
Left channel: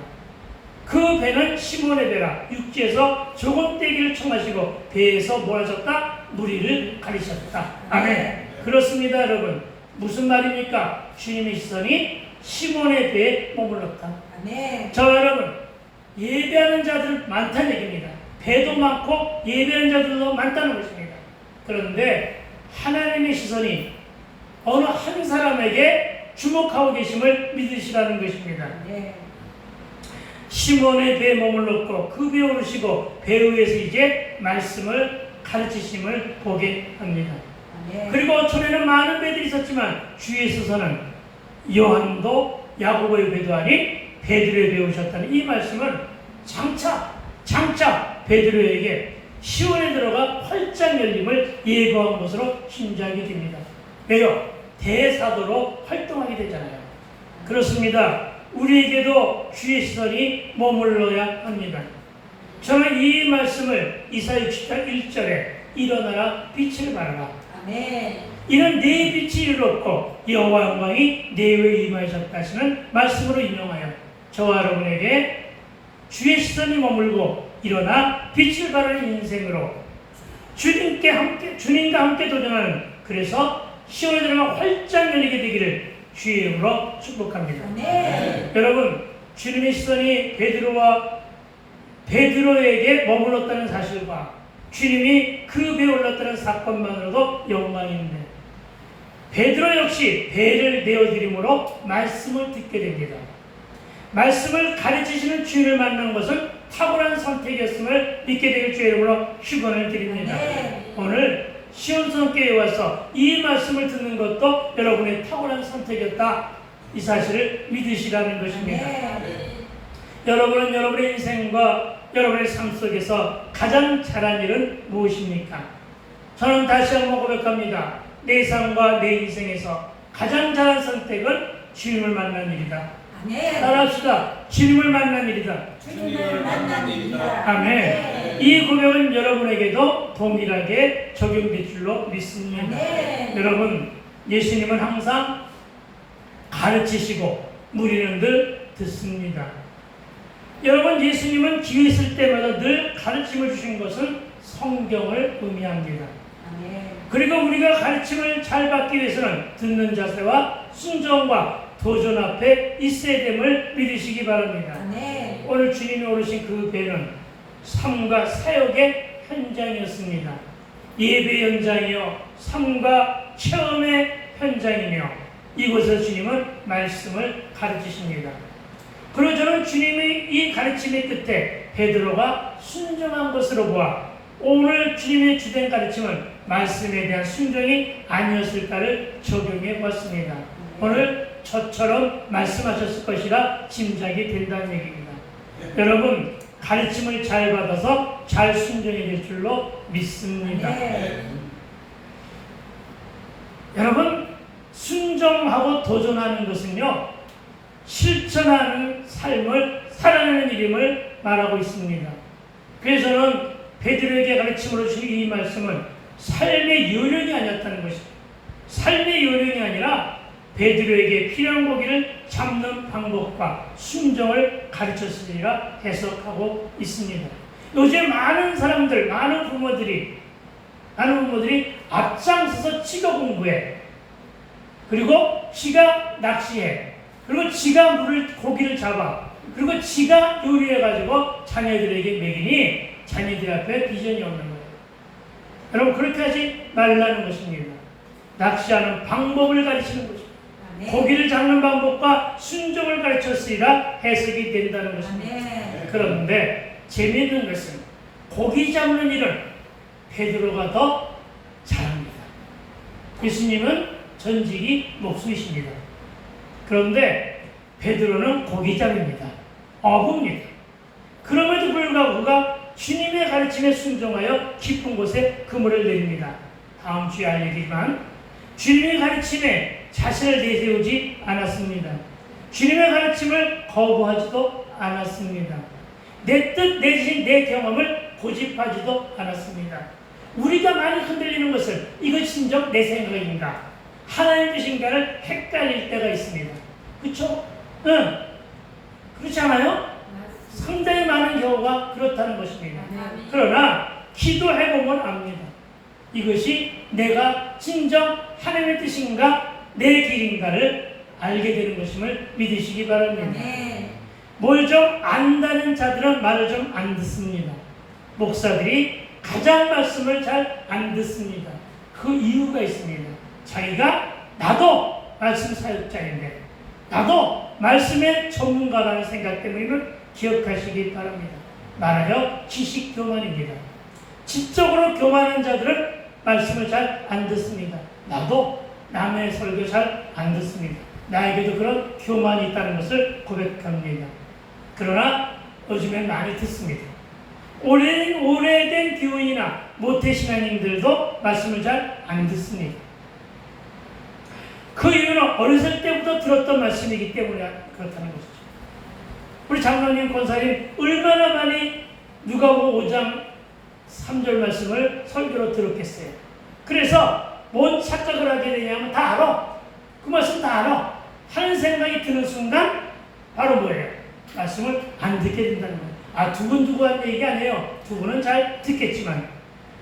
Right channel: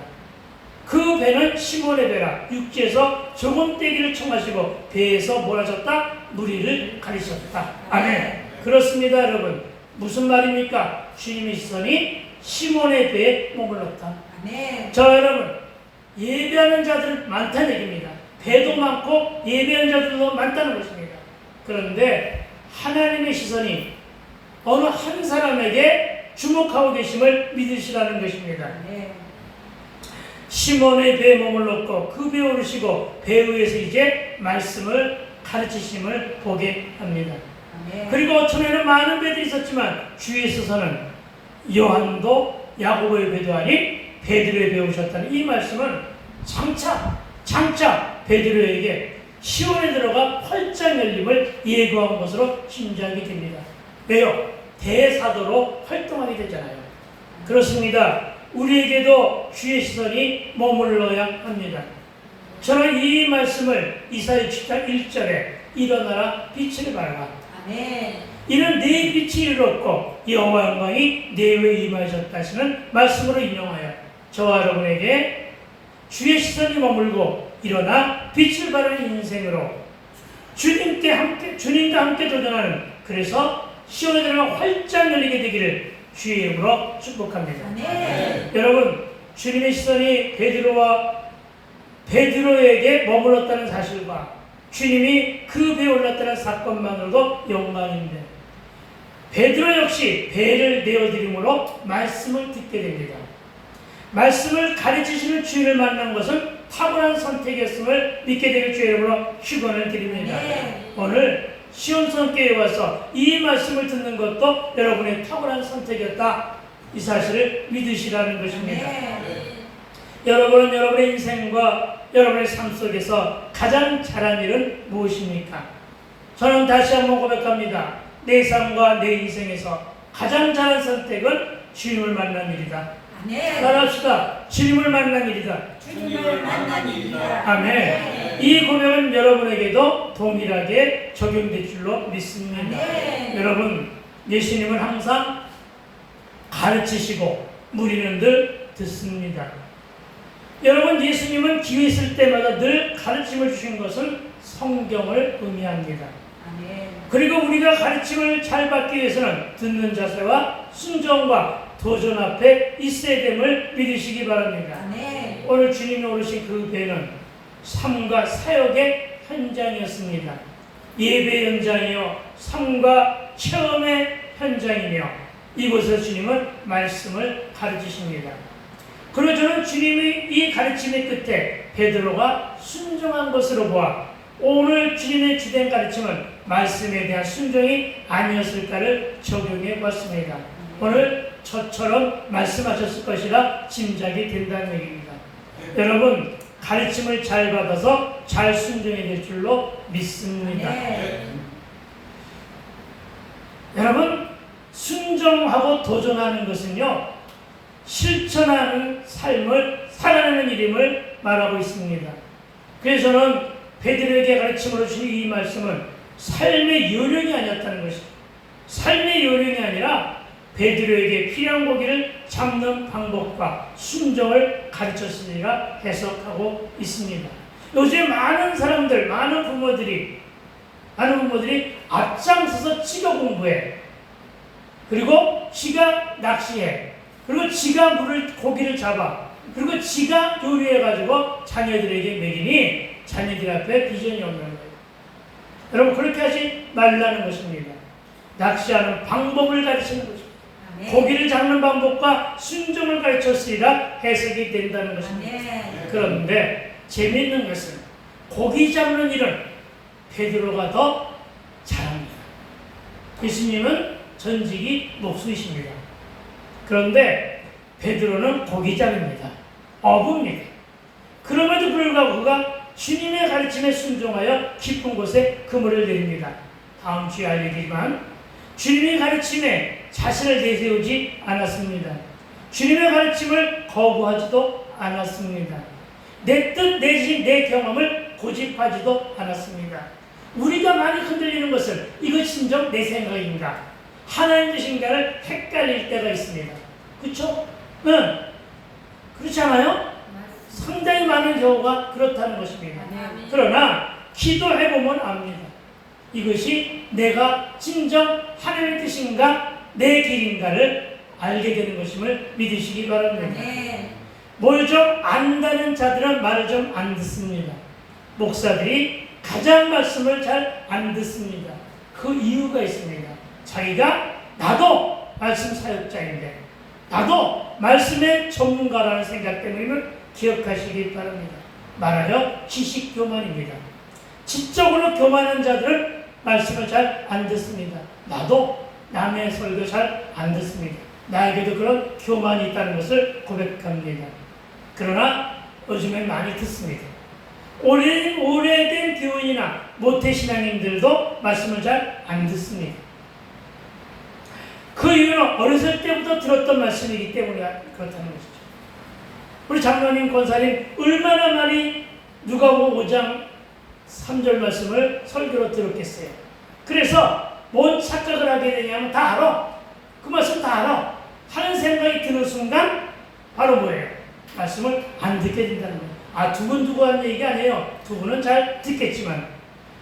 그 배는 시몬의 배라. 육지에서 조금 떼기를 청하시고 배에서 뭘 하셨다? 무리를 가리셨다. 아멘. 그렇습니다, 여러분. 무슨 말입니까? 주님의 시선이 시몬의 배에 머물렀다. 아멘. 여러분, 예배하는 자들은 많다는 얘기입니다. 배도 많고 예배하는 자들도 많다는 것입니다. 그런데 하나님의 시선이 어느 한 사람에게 주목하고 계심을 믿으시라는 것입니다. 시몬의 배에 머물렀고 그 배에 오르시고 배 위에서 이제 말씀을 가르치심을 보게 합니다. 그리고 전에는 많은 배들이 있었지만 주위에 있어서는 요한도 야고보의 배도 아닌 베드로의 배에 오셨다는 이 말씀은 장차 베드로에게 시온에 들어가 활짝 열림을 예고한 것으로 짐작이 됩니다. 왜요? 대사도로 활동하게 되잖아요. 그렇습니다. 우리에게도 주의 시선이 머물러야 합니다. 저는 이 말씀을 이사야 7장 1절에 일어나라 빛을 발라. 아멘. 이는 내 빛이 이르렀고 여호와 영광이 내 위에 임하셨다 하시는 말씀으로 인용하여 저와 여러분에게 주의 시선이 머물고 일어나 빛을 발하는 인생으로 주님과 함께 도전하는, 그래서 시온에 들어가 활짝 열리게 되기를 주의 이름으로 축복합니다. 네. 여러분, 주님의 시선이 베드로에게 머물렀다는 사실과 주님이 그 배에 올랐다는 사건만으로도 영광인데, 베드로 역시 배를 내어드림으로 말씀을 듣게 됩니다. 말씀을 가르치시는 주인을 만난 것은 탁월한 선택이었음을 믿게 되길 주의 이름으로 축원을 드립니다. 네. 오늘 시온성교회에 와서 이 말씀을 듣는 것도 여러분의 탁월한 선택이었다, 이 사실을 믿으시라는 것입니다. 네. 여러분은 여러분의 인생과 여러분의 삶 속에서 가장 잘한 일은 무엇입니까? 저는 다시 한번 고백합니다. 내 삶과 내 인생에서 가장 잘한 선택은 주님을 만난 일이다. 아멘. 따라합시다. 주님을 만난 일이다. 주님을 만난 일이다. 아멘. 이 고백은 여러분에게도 동일하게 적용될 줄로 믿습니다. 아멘. 여러분, 예수님은 항상 가르치시고 우리는 늘 듣습니다. 여러분, 예수님은 기회 있을 때마다 늘 가르침을 주신 것은 성경을 의미합니다. 아멘. 그리고 우리가 가르침을 잘 받기 위해서는 듣는 자세와 순종과 도전 앞에 있어야 됨을 믿으시기 바랍니다. 아멘. 오늘 주님이 오르신 그 배는 삶과 사역의 현장이었습니다. 예배 현장이요, 삶과 체험의 현장이며 이곳에서 주님은 말씀을 가르치십니다. 그리고 저는 주님이 이 가르침의 끝에 베드로가 순종한 것으로 보아 오늘 주님의 주된 가르침은 말씀에 대한 순종이 아니었을까를 적용해 봤습니다. 오늘 저처럼 말씀하셨을 것이라 짐작이 된다는 얘기입니다. 여러분, 가르침을 잘 받아서 잘 순종이 될 줄로 믿습니다. 여러분, 순종하고 도전하는 것은요, 실천하는 삶을 살아내는 일임을 말하고 있습니다. 그래서 저는 베드로에게 가르침으로 주신 이 말씀은 삶의 요령이 아니었다는 것입니다. 삶의 요령이 아니라 베드로에게 필요한 고기를 잡는 방법과 순종을 가르쳤으리라 해석하고 있습니다. 요즘 많은 사람들, 많은 부모들이 앞장서서 지가 공부해. 그리고 지가 낚시해. 그리고 지가 고기를 잡아. 그리고 지가 요리해가지고 자녀들에게 먹이니 자녀들 앞에 비전이 없는 거예요. 여러분, 그렇게 하지 말라는 것입니다. 낚시하는 방법을 가르치는 것입니다. 고기를 잡는 방법과 순종을 가르쳤으리라 해석이 된다는 것입니다. 그런데 재미있는 것은 고기 잡는 일은 베드로가 더 잘합니다. 예수님은 전직이 목수이십니다. 그런데 베드로는 고기잡입니다. 어부입니다. 그럼에도 불구하고 그가 주님의 가르침에 순종하여 깊은 곳에 그물을 내립니다. 다음 주에 알려드리지만 주님의 가르침에 자신을 내세우지 않았습니다. 주님의 가르침을 거부하지도 않았습니다. 내 뜻, 내 경험을 고집하지도 않았습니다. 우리가 많이 흔들리는 것은 이것 진정 내 생각인가? 하나님 뜻인가를 헷갈릴 때가 있습니다. 그렇죠? 응. 그렇지 않아요? 상당히 많은 경우가 그렇다는 것입니다. 그러나 기도해보면 압니다. 이것이 내가 진정 하나님의 뜻인가 내 길인가를 알게 되는 것임을 믿으시기 바랍니다. 뭘 좀 안다는 자들은 말을 좀 안 듣습니다. 목사들이 가장 말씀을 잘 안 듣습니다. 그 이유가 있습니다. 자기가 나도 말씀 사역자인데 나도 말씀의 전문가라는 생각 때문임을 기억하시기 바랍니다. 말하여 지식 교만입니다. 지적으로 교만한 자들은 말씀을 잘 안 듣습니다. 나도 남의 설교 잘 안 듣습니다. 나에게도 그런 교만이 있다는 것을 고백합니다. 그러나 요즘엔 많이 듣습니다. 오래된 교인이나 모태신앙인들도 말씀을 잘 안 듣습니다. 그 이유는 어렸을 때부터 들었던 말씀이기 때문에 그렇다는 것이죠. 우리 장로님, 권사님 얼마나 많이 누가복음 5장 3절 말씀을 설교로 들었겠어요. 그래서 뭔 착각을 하게 되냐면 다 알아. 그 말씀 다 알아. 하는 생각이 드는 순간 바로 뭐예요? 말씀을 안 듣게 된다는 거예요. 두분 한 얘기 아니에요. 두 분은 잘 듣겠지만.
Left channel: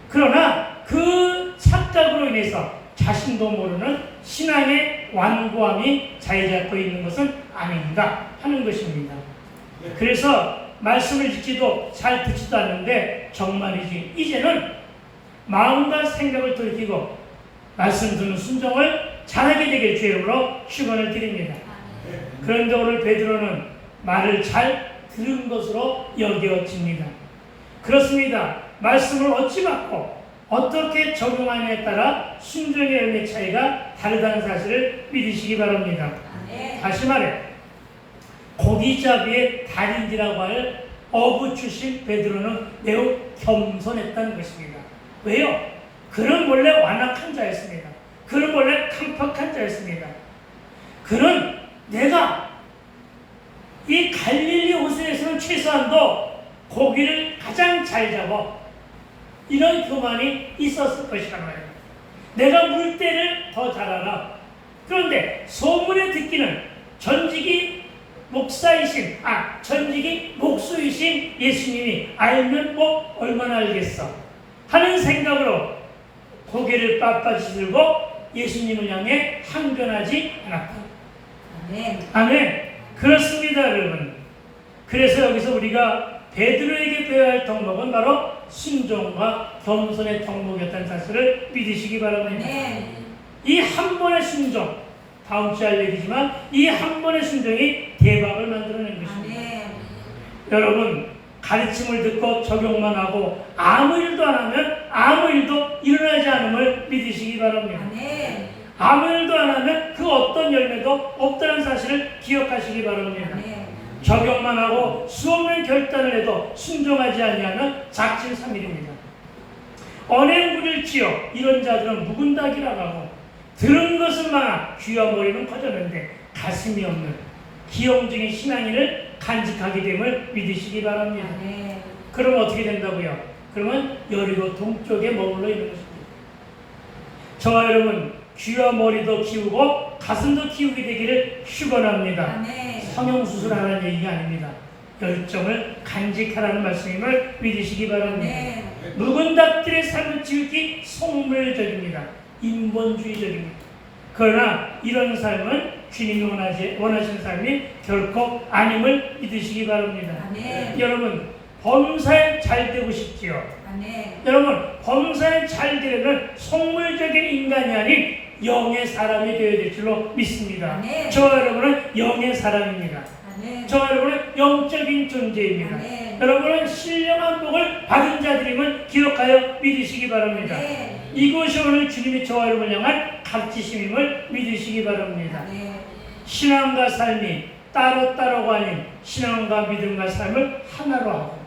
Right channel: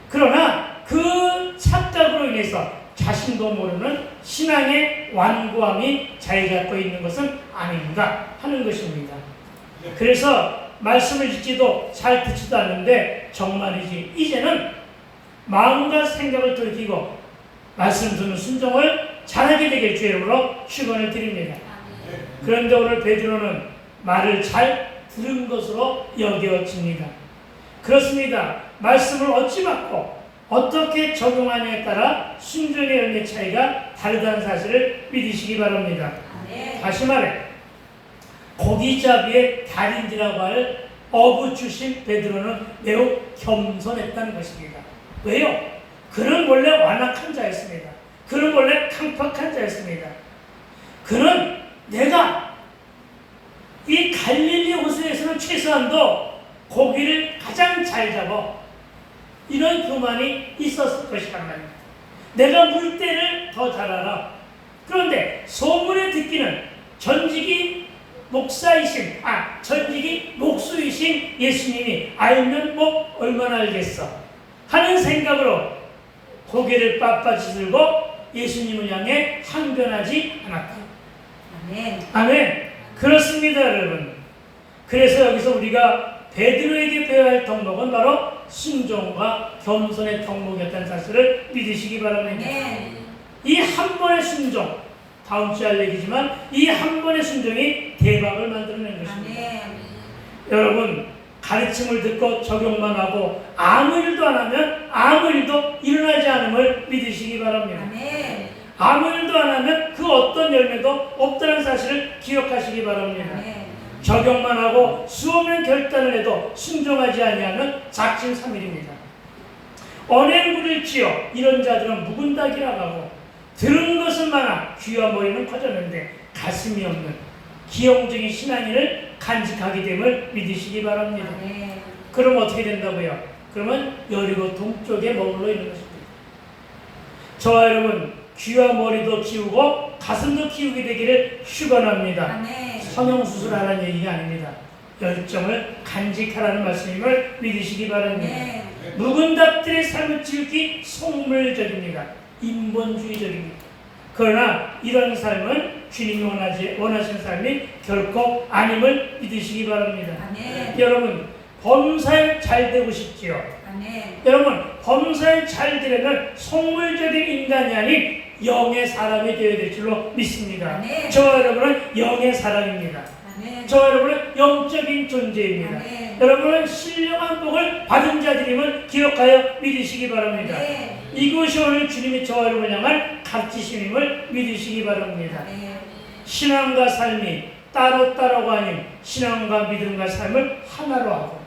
그러나 그 착각으로 인해서 자신도 모르는 신앙의 완고함이 자리 잡고 있는 것은 아닌가 하는 것입니다. 그래서 말씀을 듣지도 잘 듣지도 않는데 정말이지 이제는 마음과 생각을 돌이키고 말씀 듣는 순종을 잘하게 되길 주의 이름으로 축원을 드립니다. 그런데 오늘 베드로는 말을 잘 들은 것으로 여겨집니다. 그렇습니다. 말씀을 어찌 받고 어떻게 적용하느냐에 따라 순종의 열매 차이가 다르다는 사실을 믿으시기 바랍니다. 다시 말해 고기잡이의 달인이라고 할 어부 출신 베드로는 매우 겸손했다는 것입니다. 왜요? 그는 원래 완악한 자였습니다. 그는 원래 강팍한 자였습니다. 그는 내가 이 갈릴리 호수에서는 최소한도 고기를 가장 잘 잡아 이런 교만이 있었을 것이란 말이에요. 내가 물때를 더 잘 알아. 그런데 소문에 듣기는 전직이 목수이신 예수님이 알면 뭐 얼마나 알겠어 하는 생각으로 고개를 빳빳이 들고 예수님을 향해 항변하지 않았다. 아멘. 아멘. 그렇습니다, 여러분. 그래서 여기서 우리가 베드로에게 배워야 할 덕목은 바로 순종과 겸손의 덕목이었다는 사실을 믿으시기 바랍니다. 아멘. 이 한 번의 순종, 다음 주에 할 얘기지만 이 한 번의 순종이 대박을 만들어낸 것입니다. 아멘. 여러분, 가르침을 듣고 적용만 하고 아무 일도 안 하면 아무 일도 일어나지 않음을 믿으시기 바랍니다. 아멘. 아무 일도 안 하면 그 어떤 열매도 없다는 사실을 기억하시기 바랍니다. 아멘. 적용만 하고 수없는 결단을 해도 순종하지 아니하면 작심삼일입니다. 언행불일지요 이런 자들은 묵은 닭이라 하고 들은 것은 많아 귀와 머리는 커졌는데 가슴이 없는 기형적인 신앙인을 간직하게 됨을 믿으시기 바랍니다. 아멘. 그럼 어떻게 된다고요? 그러면 여리고 동쪽에 머물러 있는 것입니다. 저와 여러분 귀와 머리도 키우고 가슴도 키우게 되기를 축원합니다. 아멘. 성형수술하라는 얘기가 아닙니다. 열정을 간직하라는 말씀임을 믿으시기 바랍니다. 아멘. 묵은 닭들의 삶을 지우기 속물적입니다. 인본주의적입니다. 그러나 이런 삶은 주님이 원하시는 삶이 결코 아님을 믿으시기 바랍니다. 아멘. 여러분 범사에 잘 되고 싶지요? 아멘. 여러분 범사에 잘 되려면 속물적인 인간이 아닌 영의 사람이 되어야 될 줄로 믿습니다. 아멘. 저와 여러분은 영의 사람입니다. 아멘. 저와 여러분은 영적인 존재입니다. 아멘. 여러분은 신령한 복을 받은 자들임을 기억하여 믿으시기 바랍니다. 아멘. 이것이 오늘 주님이 저와 여러분을 향한 가르치심임을 믿으시기 바랍니다. 아멘. 신앙과 삶이 따로따로가 아닌 신앙과 믿음과 삶을 하나로 하고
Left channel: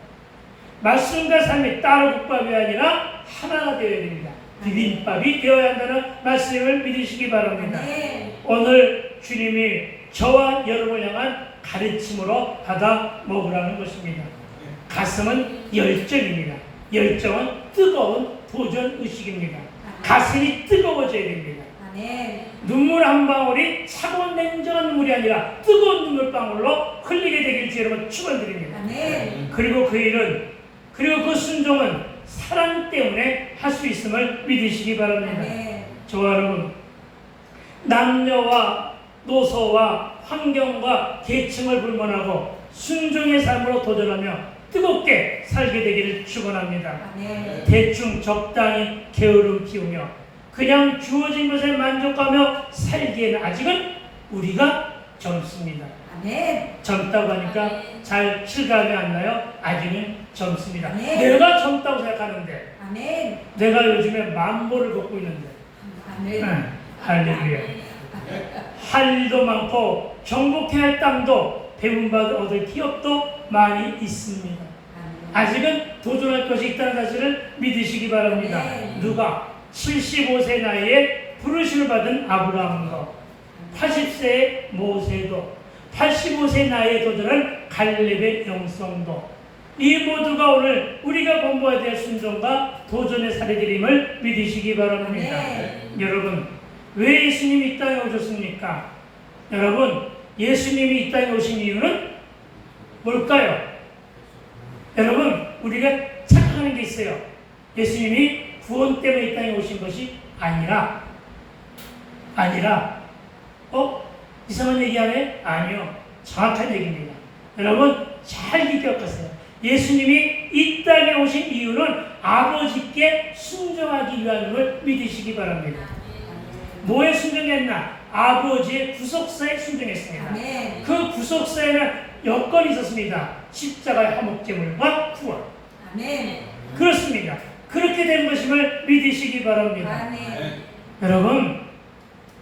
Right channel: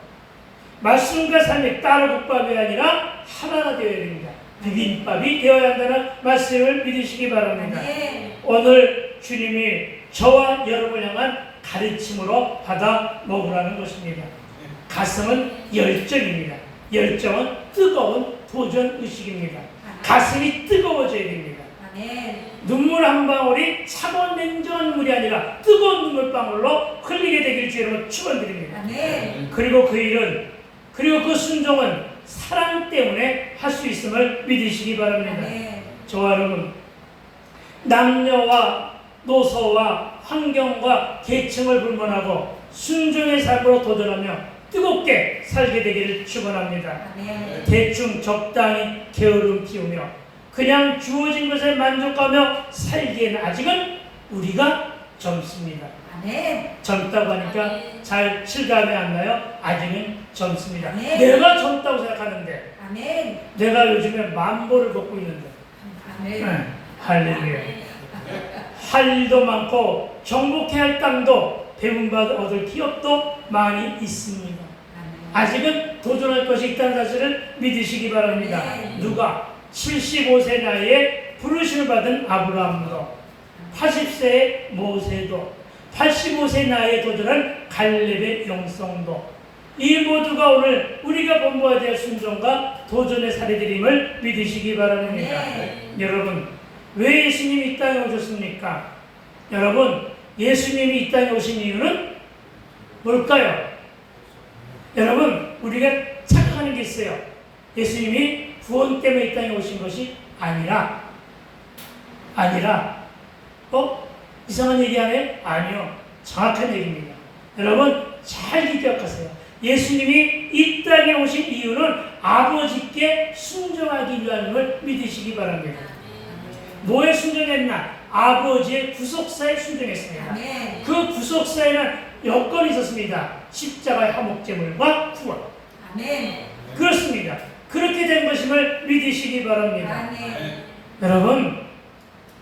말씀과 삶이 따로 국밥이 아니라 하나가 되어야 됩니다. 비빔밥이 되어야 한다는 말씀을 믿으시기 바랍니다. 아멘. 오늘 주님이 저와 여러분을 향한 가르침으로 받아 먹으라는 것입니다. 가슴은 열정입니다. 열정은 뜨거운 도전의식입니다. 가슴이 뜨거워져야 됩니다. 아멘. 눈물 한 방울이 차가운 냉정한 눈물이 아니라 뜨거운 눈물방울로 흘리게 되길 주 여러분 축원드립니다. 아멘. 그리고 그 순종은 사랑 때문에 할 수 있음을 믿으시기 바랍니다. 아멘. 저와 여러분 남녀와 노소와 환경과 계층을 불문하고 순종의 삶으로 도전하며 뜨겁게 살게 되기를 축원합니다. 아멘. 대충 적당히 게으름 피우며 그냥 주어진 것에 만족하며 살기에는 아직은 우리가 젊습니다. 아멘. 젊다고 하니까 잘 실감이 안 나요? 아직은 젊습니다. 네. 내가 젊다고 생각하는데 아멘. 내가 요즘에 만보를 걷고 있는데 아멘. 할렐루야. 할 일도 많고 정복해야 할 땅도 배움받아 얻을 기업도 많이 있습니다. 아직은 도전할 것이 있다는 사실을 믿으시기 바랍니다. 네. 누가 75세 나이에 부르심을 받은 아브라함도 80세의 모세도 85세 나이에 도전한 갈렙의 영성도 이 모두가 오늘 우리가 본보아야 될 순종과 도전의 사례들임을 믿으시기 바랍니다. 네. 여러분 왜 예수님이 이 땅에 오셨습니까? 여러분 예수님이 이 땅에 오신 이유는 뭘까요? 여러분 우리가 착각하는 게 있어요. 예수님이 구원 때문에 이 땅에 오신 것이 아니라 이상한 얘기 하네? 아니요. 정확한 얘기입니다. 여러분 잘 기억하세요. 예수님이 이 땅에 오신 이유는 아버지께 순종하기 위함을 믿으시기 바랍니다. 뭐에 순종했나? 아버지의 구속사에 순종했습니다. 아멘. 그 구속사에는 여건이 있었습니다. 십자가의 화목제물과 구원. 아멘. 그렇습니다. 그렇게 된 것임을 믿으시기 바랍니다. 아멘. 여러분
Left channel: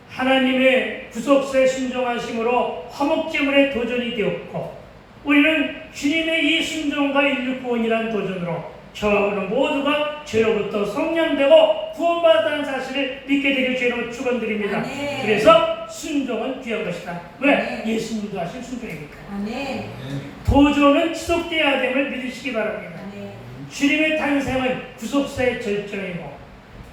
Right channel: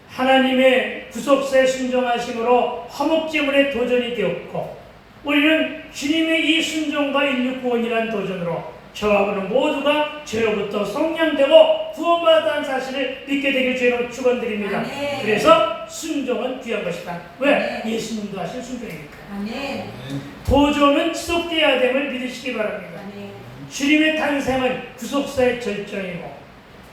하나님의 구속사에 순종하심으로 화목제물의 도전이 되었고 우리는 주님의 이 순종과 인류 구원이라는 도전으로 저와 오늘 모두가 죄로부터 속량되고 구원받았다는 사실을 믿게 되길 주로 축원드립니다. 아멘. 그래서 순종은 귀한 것이다. 왜? 네. 예수님도 하신 순종이니까. 아멘. 도전은 지속되어야 됨을 믿으시기 바랍니다. 아멘. 주님의 탄생은 구속사의 절정이고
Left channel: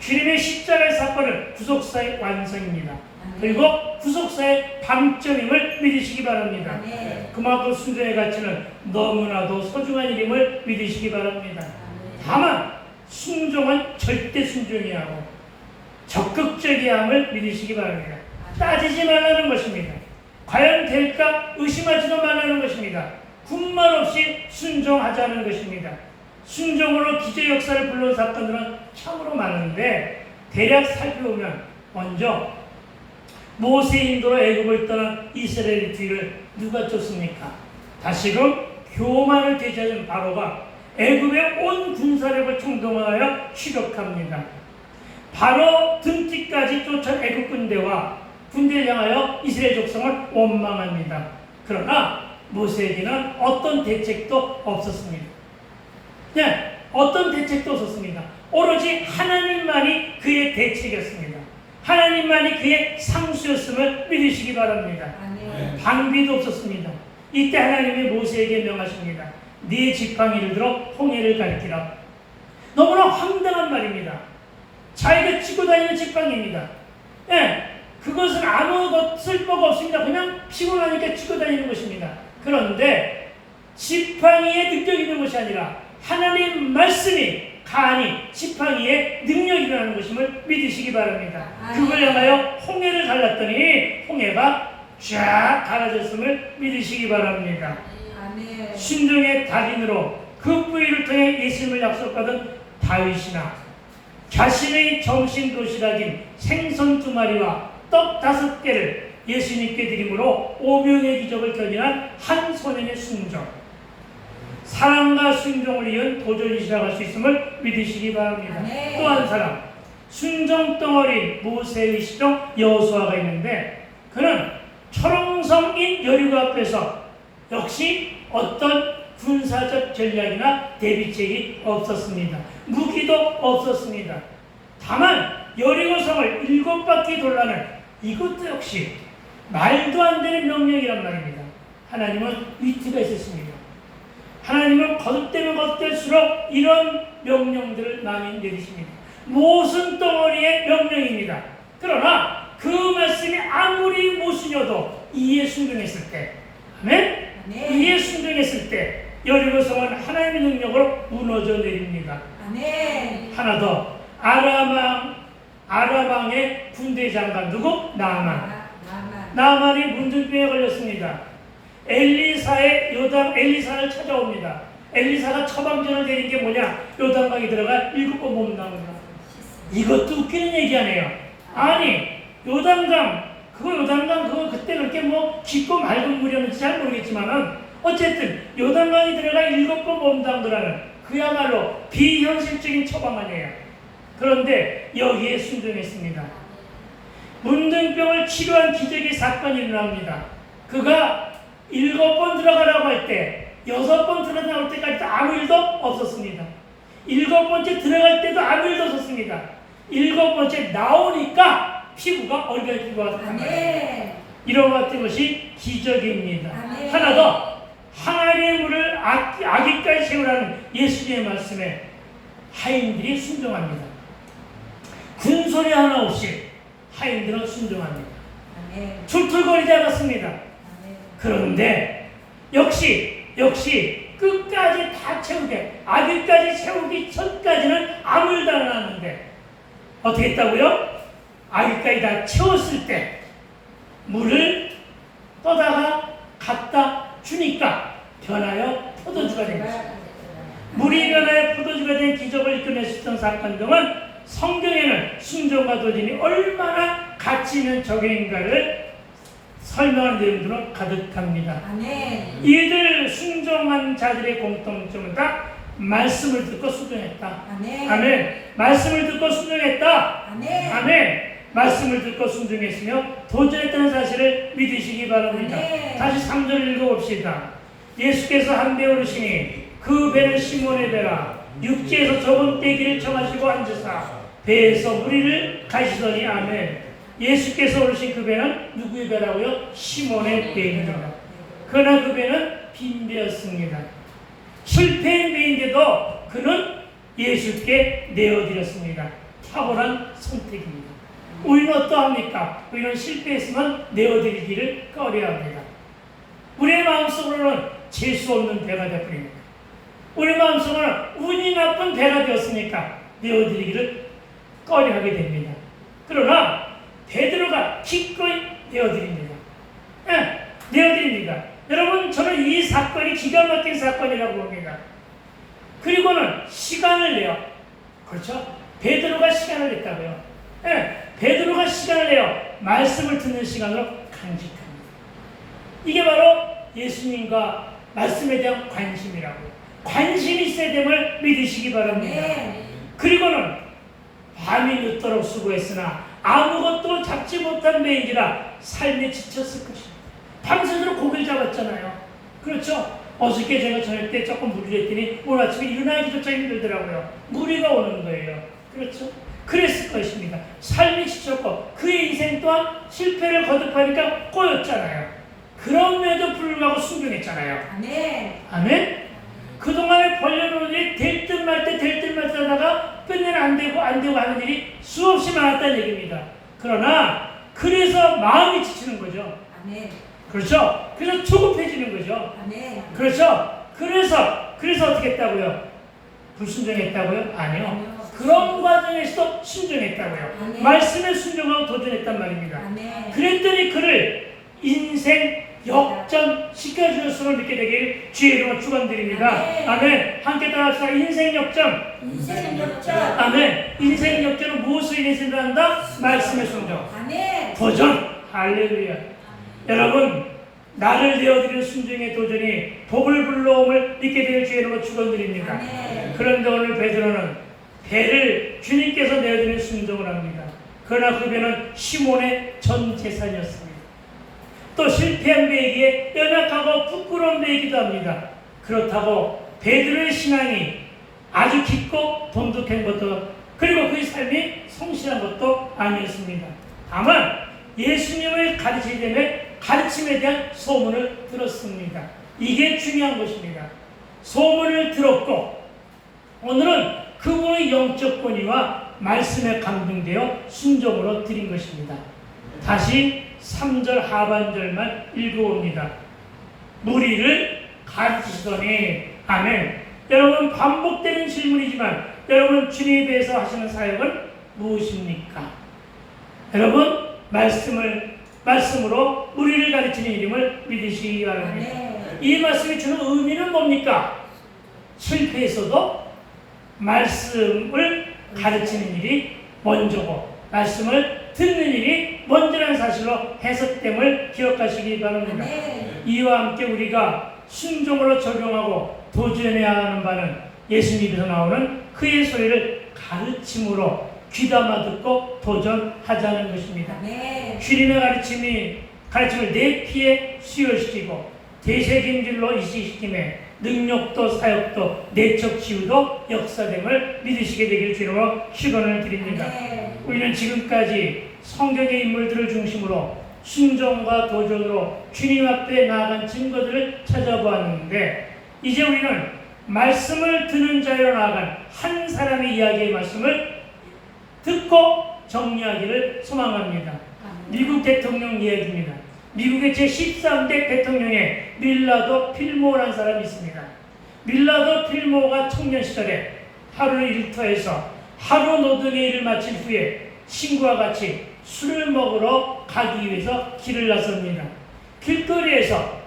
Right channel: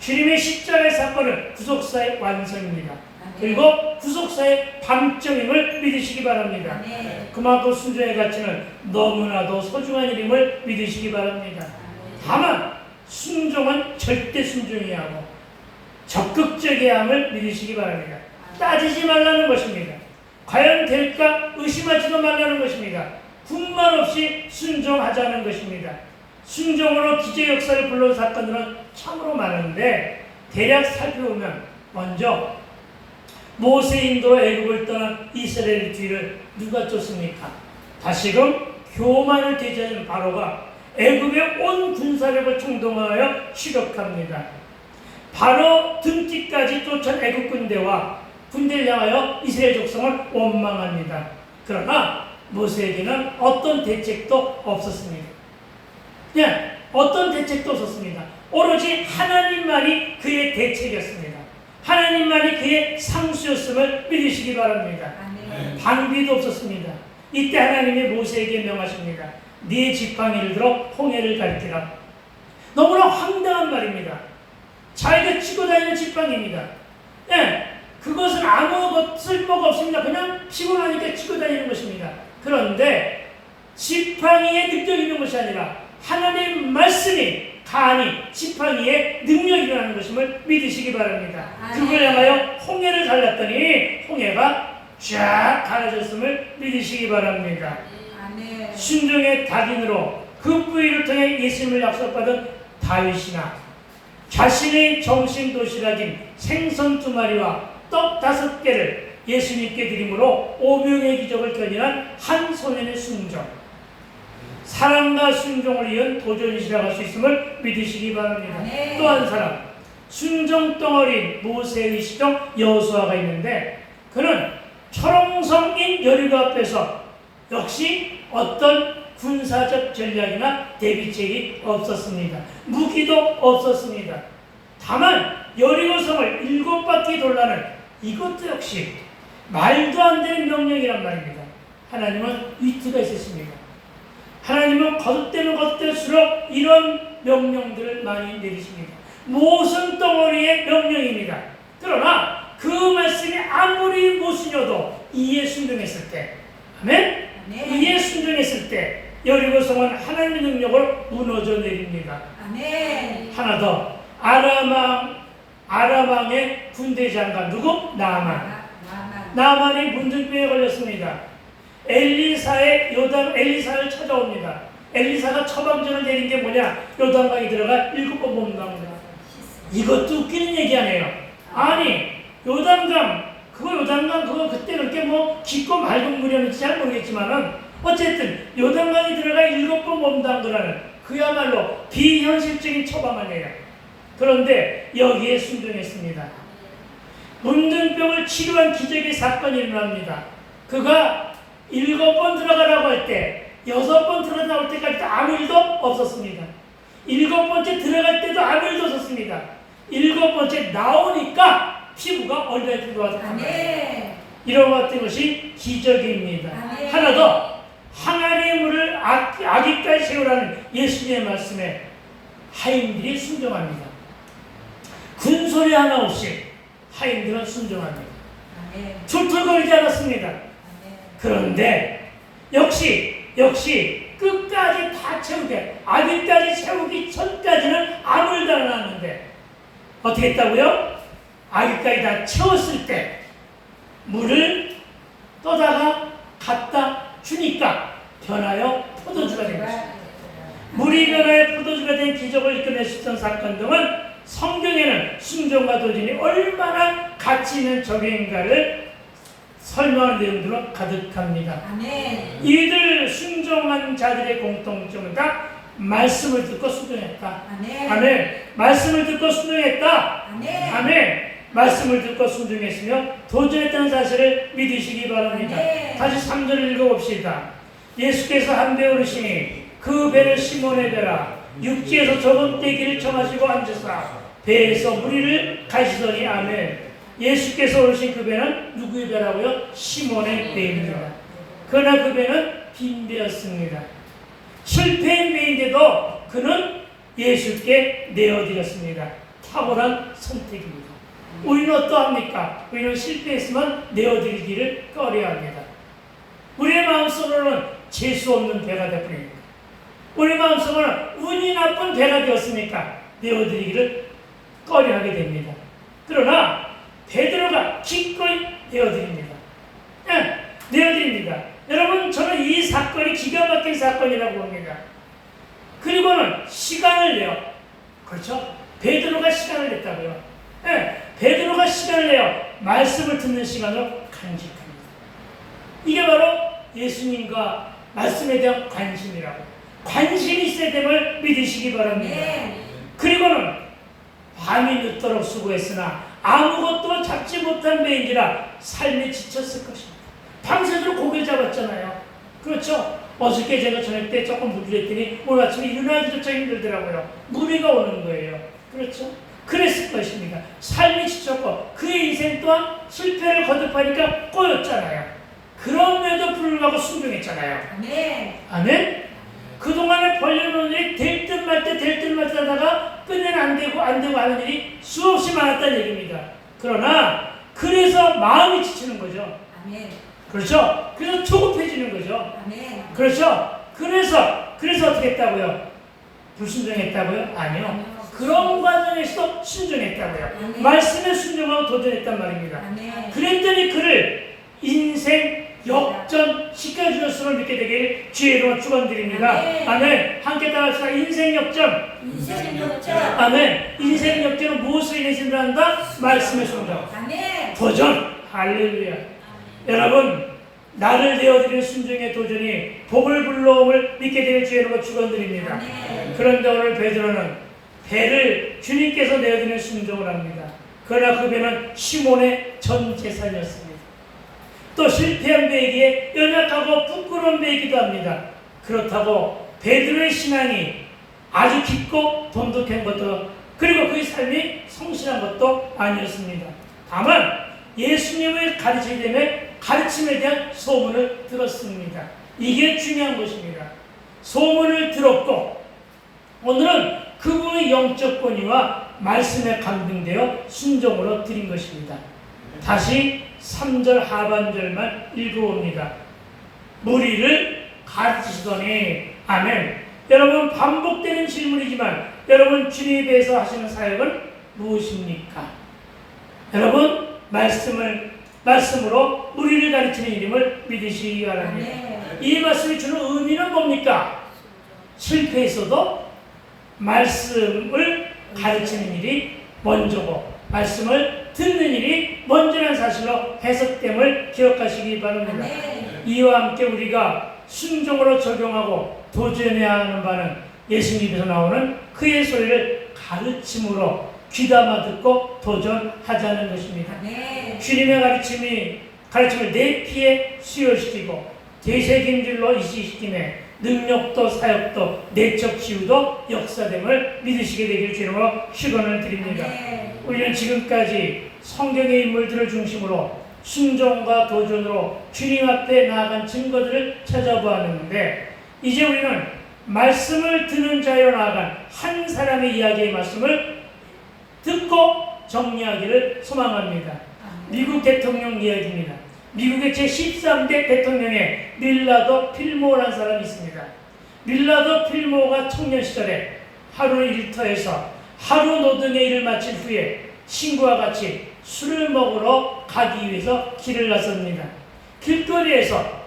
주님의 십자가의 사건은 구속사의 완성입니다. 아멘. 그리고 구속사의 방점임을 믿으시기 바랍니다. 아멘. 그만큼 순종의 가치는 너무나도 소중한 일임을 믿으시기 바랍니다. 다만 순종은 절대 순종해야 하고 적극적이어야 함을 믿으시기 바랍니다. 따지지 말라는 것입니다. 과연 될까 의심하지도 말라는 것입니다. 군말 없이 순종하자는 것입니다. 순종으로 기적 역사를 불러온 사건들은 참으로 많은데 대략 살펴보면 먼저 모세 인도로 애굽을 떠난 이스라엘 뒤를 누가 쫓습니까? 다시금 교만을 되찾은 바로가 애굽의 온 군사력을 총동원하여 추격합니다. 바로 등뒤까지 쫓은 애굽 군대와 군대를 향하여 이스라엘 족성을 원망합니다. 그러나 모세에게는 어떤 대책도 없었습니다. 네, 어떤 대책도 없었습니다. 오로지 하나님만이 그의 대책이었습니다. 하나님만이 그의 상수였음을 믿으시기 바랍니다. 아멘. 방비도 없었습니다. 이때 하나님이 모세에게 명하십니다. 네 지팡이를 들어 홍해를 가리키라. 너무나 황당한 말입니다. 자기가 쥐고 다니는 지팡이입니다. 예, 그것은 아무 쓸모가 없습니다. 그냥 피곤하니까 쥐고 다니는 것입니다. 그런데 지팡이의 능력이 있는 것이 아니라 하나님 말씀이 간이 지팡이의 능력이라는 것임을 믿으시기 바랍니다. 그걸 향하여 홍해를 갈랐더니 홍해가 쫙 갈라졌음을 믿으시기 바랍니다. 아멘. 순종의 달인으로 그 뿌리를 통해 예수님을 약속받은 다윗이나 자신의 정신 도시락인 생선 2마리와 떡 5개를 예수님께 드림으로 5명의 기적을 견인한 한 소년의 순종, 사랑과 순종을 이은 도전이시라고 할 수 있음을 믿으시기 바랍니다. 아멘. 또 한 사람, 순종 덩어리 모세의 시종 여호수아가 있는데 그는 초롱성인 여리고 앞에서 역시 어떤 군사적 전략이나 대비책이 없었습니다. 무기도 없었습니다. 다만 여리고성을 7바퀴 돌라는 이것도 역시 말도 안 되는 명령이란 말입니다. 하나님은 위트가 있었습니다. 하나님은 거듭되면 거듭될수록 이런 명령들을 많이 내리십니다. 모순 덩어리의 명령입니다. 그러나 그 말씀이 아무리 모순이어도 이에 순종했을 때, 아멘? 아멘. 이에 순종했을 때 여리고성은 하나님의 능력으로 무너져 내립니다. 아멘. 하나 더, 아람왕의 군대 장관 누구? 나아만. 나아만이 문둥병에 걸렸습니다. 엘리사를 찾아옵니다. 엘리사가 처방전을 내린 게 뭐냐? 요단강에 들어가 7번 몸담니다. 이것도 웃기는 얘기 아니에요. 아니, 요단강 그거 그때 그렇게 뭐 깊고 맑은 물이었는지 잘 모르겠지만은 어쨌든 요단강에 들어가 7번 몸담으라는 그야말로 비현실적인 처방 아니에요. 그런데 여기에 순종했습니다. 문둥병을 치료한 기적의 사건이 일어납니다. 그가 7번 들어가라고 할 때 6번 들어가올 때까지 아무 일도 없었습니다. 7번째 들어갈 때도 아무 일도 없었습니다. 7번째 나오니까 피부가 얼마나 좋아졌습니다. 이런 같은 것이 기적입니다. 아멘. 하나 더, 항아리의 물을 아기까지 채우라는 예수님의 말씀에 하인들이 순종합니다. 군소리 하나 없이 하인들은 순종합니다. 툴툴거리지 않았습니다. 그런데 역시 끝까지 다 채우게, 아기까지 채우기 전까지는 아무 일도 안 하는데 어떻게 했다고요? 아기까지 다 채웠을 때 물을 떠다가 갖다 주니까 변하여 포도주가 된 것입니다. 물이 변하여 포도주가 된 기적을 이끌어낼 수 있던 사건 등은 성경에는 순종과 도전이 얼마나 가치 있는 적용인가를 설명하는 내용들로 가득합니다. 이들 순종한 자들의 공통점은 다 말씀을 듣고 순종했다. 아멘. 말씀을 듣고 순종했다. 아멘. 말씀을 듣고 순종했으며 도전했다는 사실을 믿으시기 바랍니다. 다시 3절을 읽어봅시다. 예수께서 한 배 오르시니 그 배는 시몬의 배라. 육지에서 좁은 떼기를 청하시고 앉으사 배에서 무리를 가시더니 아멘. 예수께서 오르신 그 배는 누구의 배라고요? 시몬의 배입니다. 그러나 그 배는 빈 배였습니다. 실패인 배인데도 그는 예수께 내어드렸습니다. 탁월한 선택입니다. 우리는 어떠합니까? 우리는 실패했으면 내어드리기를 꺼려합니다. 우리의 마음속으로는 재수 없는 배가 되어버립니다. 우리 마음속으로는 운이 나쁜 배가 되었으니까 내어드리기를 꺼려하게 됩니다. 그러나 베드로가 기꺼이 내어드립니다. 네, 내어드립니다. 여러분, 저는 이 사건이 기가 막힌 사건이라고 봅니다. 그리고는 시간을 내요. 그렇죠? 베드로가 시간을 냈다고요. 네, 베드로가 시간을 내요. 말씀을 듣는 시간으로 간직합니다. 이게 바로 예수님과 말씀에 대한 관심이라고. 관심이 있어야 됨을 믿으시기 바랍니다. 그리고는 밤이 늦도록 수고했으나 아무것도 잡지 못한 배인지라 삶에 지쳤을 것입니다. 밤새도록 고개를 잡았잖아요. 그렇죠? 어저께 제가 저녁 때 조금 무리를 했더니 오늘 아침에 일어나기조차 힘들더라고요. 무리가 오는 거예요. 그렇죠? 그랬을 것입니다. 삶이 지쳤고 그의 인생 또한 실패를 거듭하니까 꼬였잖아요. 그럼에도 불구하고 순종했잖아요. 아멘. 아멘? 그동안에 벌려놓은 일이 될 듯 말 듯 하다가 끝내는 안 되고 하는 일이 수없이 많았다는 얘기입니다. 그러나 그래서 마음이 지치는 거죠. 아멘. 그렇죠? 그래서 조급해지는 거죠. 아멘. 그렇죠? 그래서 어떻게 했다고요? 불순종했다고요? 아니요. 그런 과정에서도 순종했다고요. 아멘. 말씀에 순종하고 도전했단 말입니다. 아멘. 그랬더니 그를 인생 역전 시켜주셨음을 믿게 되길 주의 이름으로 축원드립니다. 아멘. 아멘. 함께 따라합시다. 인생 역전. 인생 역전. 아멘. 인생 역전은 무엇을 인해서 한다? 말씀의 순종. 아멘. 도전. 할렐루야. 여러분, 나를 내어드리는 순종의 도전이 복을 불러옴을 믿게 되길 주의 이름으로 축원드립니다. 아멘. 그런데 오늘 베드로는 배를 주님께서 내어드리는 순종을 합니다. 그러나 그 배는 시몬의 전 재산이었습니다. 또 실패한 배에게 연약하고 부끄러운 배이기도 합니다. 그렇다고 베드로의 신앙이 아주 깊고 돈독한 것도 그리고 그의 삶이 성실한 것도 아니었습니다. 다만 예수님의 가르침에 대한 소문을 들었습니다. 이게 중요한 것입니다. 소문을 들었고 오늘은 그분의 영적 권위와 말씀에 감동되어 순종으로 드린 것입니다. 다시 3절 하반절만 읽어봅니다. 무리를 가르치시더니 아멘. 여러분, 반복되는 질문이지만 여러분, 주님에 대해서 하시는 사역은 무엇입니까? 여러분, 말씀으로 우리를 가르치는 이름을 믿으시기 바랍니다. 이 말씀이 주는 의미는 뭡니까? 실패에서도 말씀을 가르치는 일이 먼저고 말씀을 듣는 일이 먼저라는 사실로 해석됨을 기억하시기 바랍니다. 이와 함께 우리가 순종으로 적용하고 도전해야 하는 바는 예수님에서 나오는 그의 소리를 가르침으로 귀담아 듣고 도전하자는 것입니다. 주님의 가르침을 내 피에 수혈시키고 대세경질로 이식시키며 능력도 사역도 내적 치유도 역사됨을 믿으시게 되길 주님으로 축원을 드립니다. 우리는 지금까지 성경의 인물들을 중심으로 순종과 도전으로 주님 앞에 나아간 증거들을 찾아보았는데 이제 우리는 말씀을 듣는 자로 나아간 한 사람의 이야기의 말씀을 듣고 정리하기를 소망합니다. 미국 대통령 이야기입니다. 미국의 제13대 대통령의 밀라도 필모어라는 사람이 있습니다. 밀라도 필모어가 청년 시절에 하루 일터에서 하루 노동의 일을 마친 후에 친구와 같이 술을 먹으러 가기 위해서 길을 나섭니다. 길거리에서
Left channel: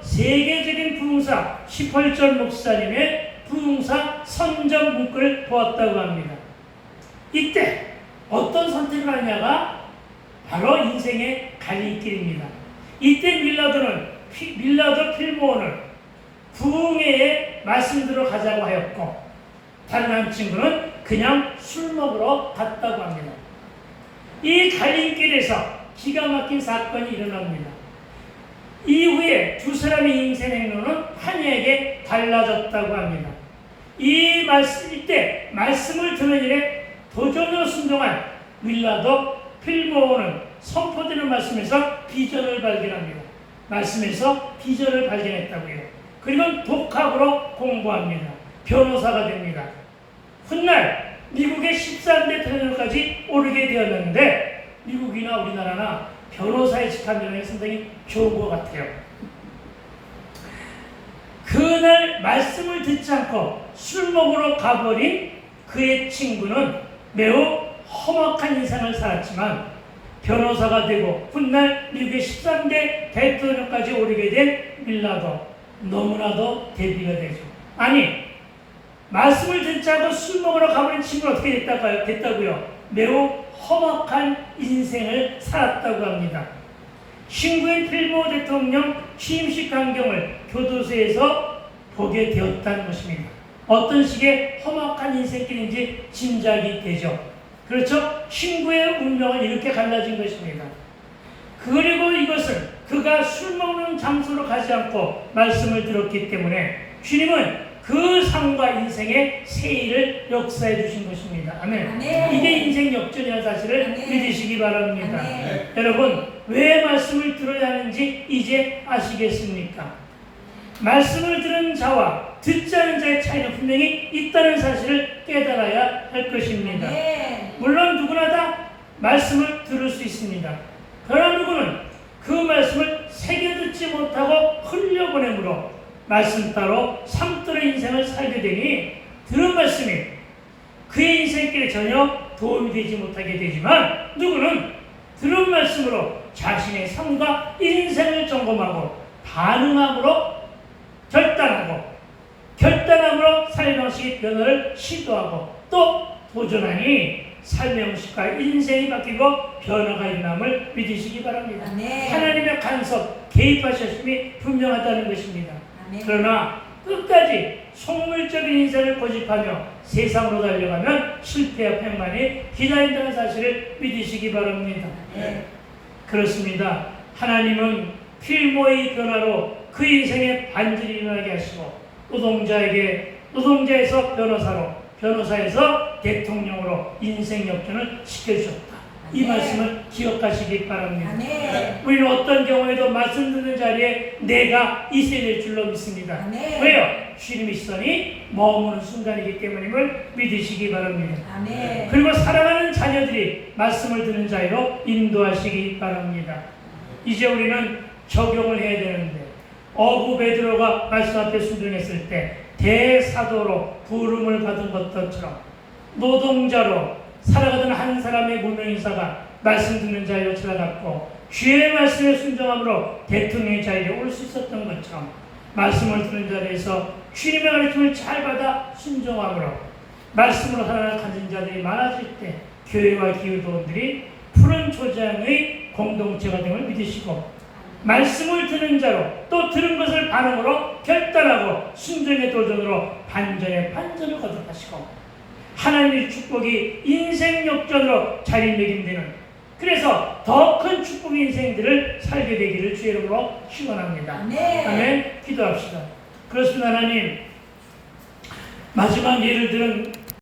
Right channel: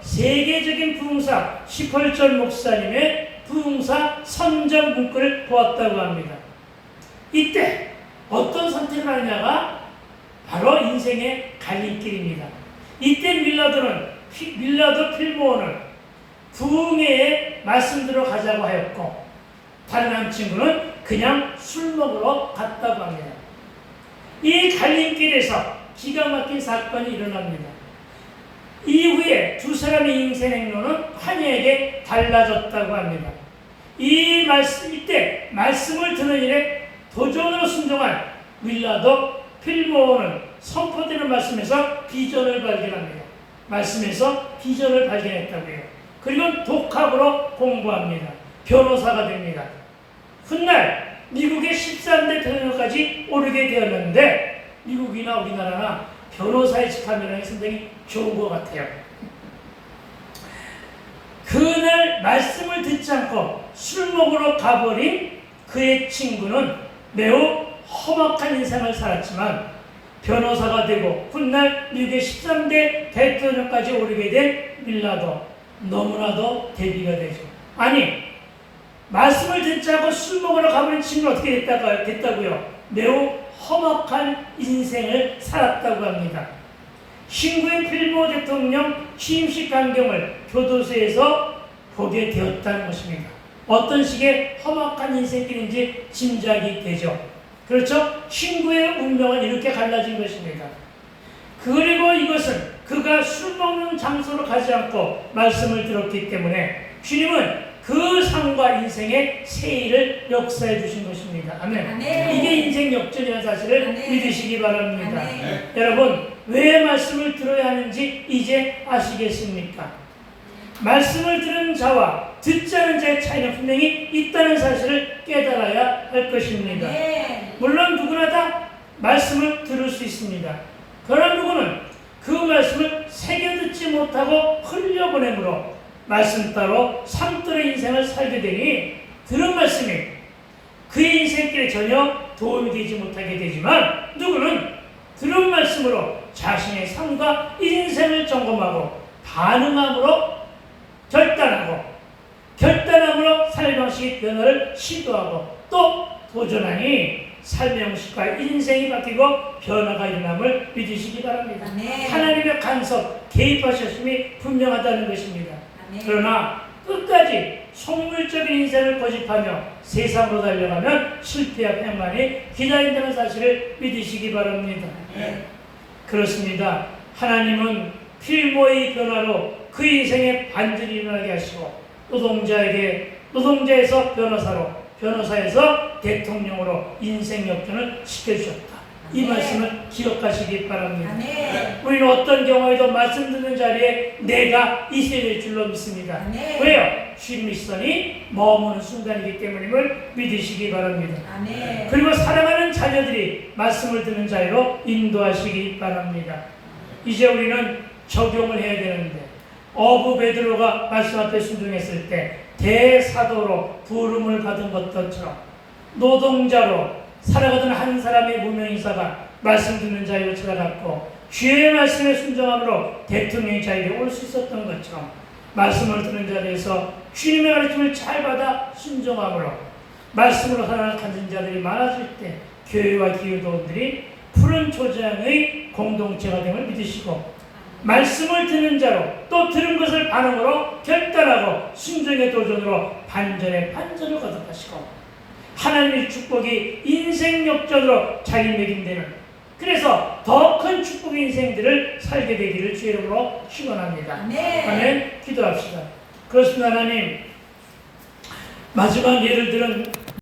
세계적인 부흥사 시펄전 목사님의 부흥사 선전 문구를 보았다고 합니다. 이때 어떤 선택을 하냐가 바로 인생의 갈림길입니다. 이때 밀라도 필모어는 부흥회에 말씀드려 가자고 하였고 다른 한 친구는 그냥 술 먹으러 갔다고 합니다. 이 갈림길에서 기가 막힌 사건이 일어납니다. 이후에 두 사람의 인생 행로는 환희하게 달라졌다고 합니다. 이때 말씀을 듣는 일에 도전으로 순종한 밀라도 필모는 선포되는 말씀에서 비전을 발견합니다. 말씀에서 비전을 발견했다고요. 그리고 독학으로 공부합니다. 변호사가 됩니다. 훗날 미국의 13대 대통령까지 오르게 되었는데 미국이나 우리나라나 변호사의 직함이라는 상당히 좋은 것 같아요. 그날 말씀을 듣지 않고 술 먹으러 가버린 그의 친구는 매우 험악한 인생을 살았지만 변호사가 되고 훗날 미국의 13대 대통령까지 오르게 된 밀라도 너무나도 대비가 되죠. 아니 말씀을 듣지 않고 술 먹으러 가버린 친구는 어떻게 됐다고요? 매우 험악한 인생을 살았다고 합니다. 신구인 필모 대통령 취임식 광경을 교도소에서 보게 되었다는 것입니다. 어떤 식의 험악한 인생길인지 짐작이 되죠. 그렇죠? 신구의 운명은 이렇게 갈라진 것입니다. 그리고 이것은 그가 술 먹는 장소로 가지 않고 말씀을 들었기 때문에 주님은 그 삶과 인생의 세일을 역사해 주신 것입니다. 아멘. 아멘. 이게 인생 역전이라는 사실을 아멘. 믿으시기 바랍니다. 아멘. 여러분 왜 말씀을 들어야 하는지 이제 아시겠습니까? 말씀을 들은 자와 듣지 않은 자의 차이는 분명히 있다는 사실을 깨달아야 할 것입니다. 아멘. 물론 누구나 다 말씀을 들을 수 있습니다. 그러나 누구는 그 말씀을 새겨 듣지 못하고 흘려보내므로 말씀 따로 삶대로 인생을 살게 되니 들은 말씀이 그의 인생길에 전혀 도움이 되지 못하게 되지만 누구는 들은 말씀으로 자신의 삶과 인생을 점검하고 반응함으로 결단함으로 삶의 방식의 변화를 시도하고 또 도전하니 삶의 방식과 인생이 바뀌고 변화가 일어남을 믿으시기 바랍니다. 아멘. 하나님의 간섭, 개입하셨음이 분명하다는 것입니다. 아멘. 그러나 끝까지 속물적인 인생을 고집하며 세상으로 달려가면 실패와 패만이 기다린다는 사실을 믿으시기 바랍니다. 네. 그렇습니다. 하나님은 필모의 변화로 그 인생에 반전이 일어나게 하시고 노동자에서 변호사로 변호사에서 대통령으로 인생 역전을 시켜주셨다. 이 아멘. 말씀을 기억하시기 바랍니다. 아멘. 우리는 어떤 경우에도 말씀 듣는 자리에 내가 있어야 될 줄로 믿습니다. 아멘. 왜요? 주님의 시선이 머무는 순간이기 때문임을 믿으시기 바랍니다. 아멘. 그리고 사랑하는 자녀들이 말씀을 듣는 자리로 인도하시기 바랍니다. 이제 우리는 적용을 해야 되는데 어부 베드로가 말씀 앞에 순종했을 때 대사도로 부름을 받은 것처럼 노동자로 살아가던 한 사람의 무명인사가 말씀 듣는 자리로 찾아갔고 주의 말씀에 순종함으로 대통령의 자리에 올 수 있었던 것처럼 말씀을 듣는 자리에서 주님의 가르침을 잘 받아 순종함으로 말씀으로 하나를 가진 자들이 많아질 때 교회와 기후도원들이 푸른 초장의 공동체가 됨을 믿으시고 말씀을 듣는 자로 또 들은 것을 반응으로 결단하고 순종의 도전으로 반전의 반전을 거듭하시고 하나님의 축복이 인생 역전으로 자리매김되는 그래서 더 큰 축복의 인생들을 살게 되기를 주의 이름으로 축원합니다. 아멘. 아멘. 기도합시다. 그렇습니다. 하나님 마지막 예를 들은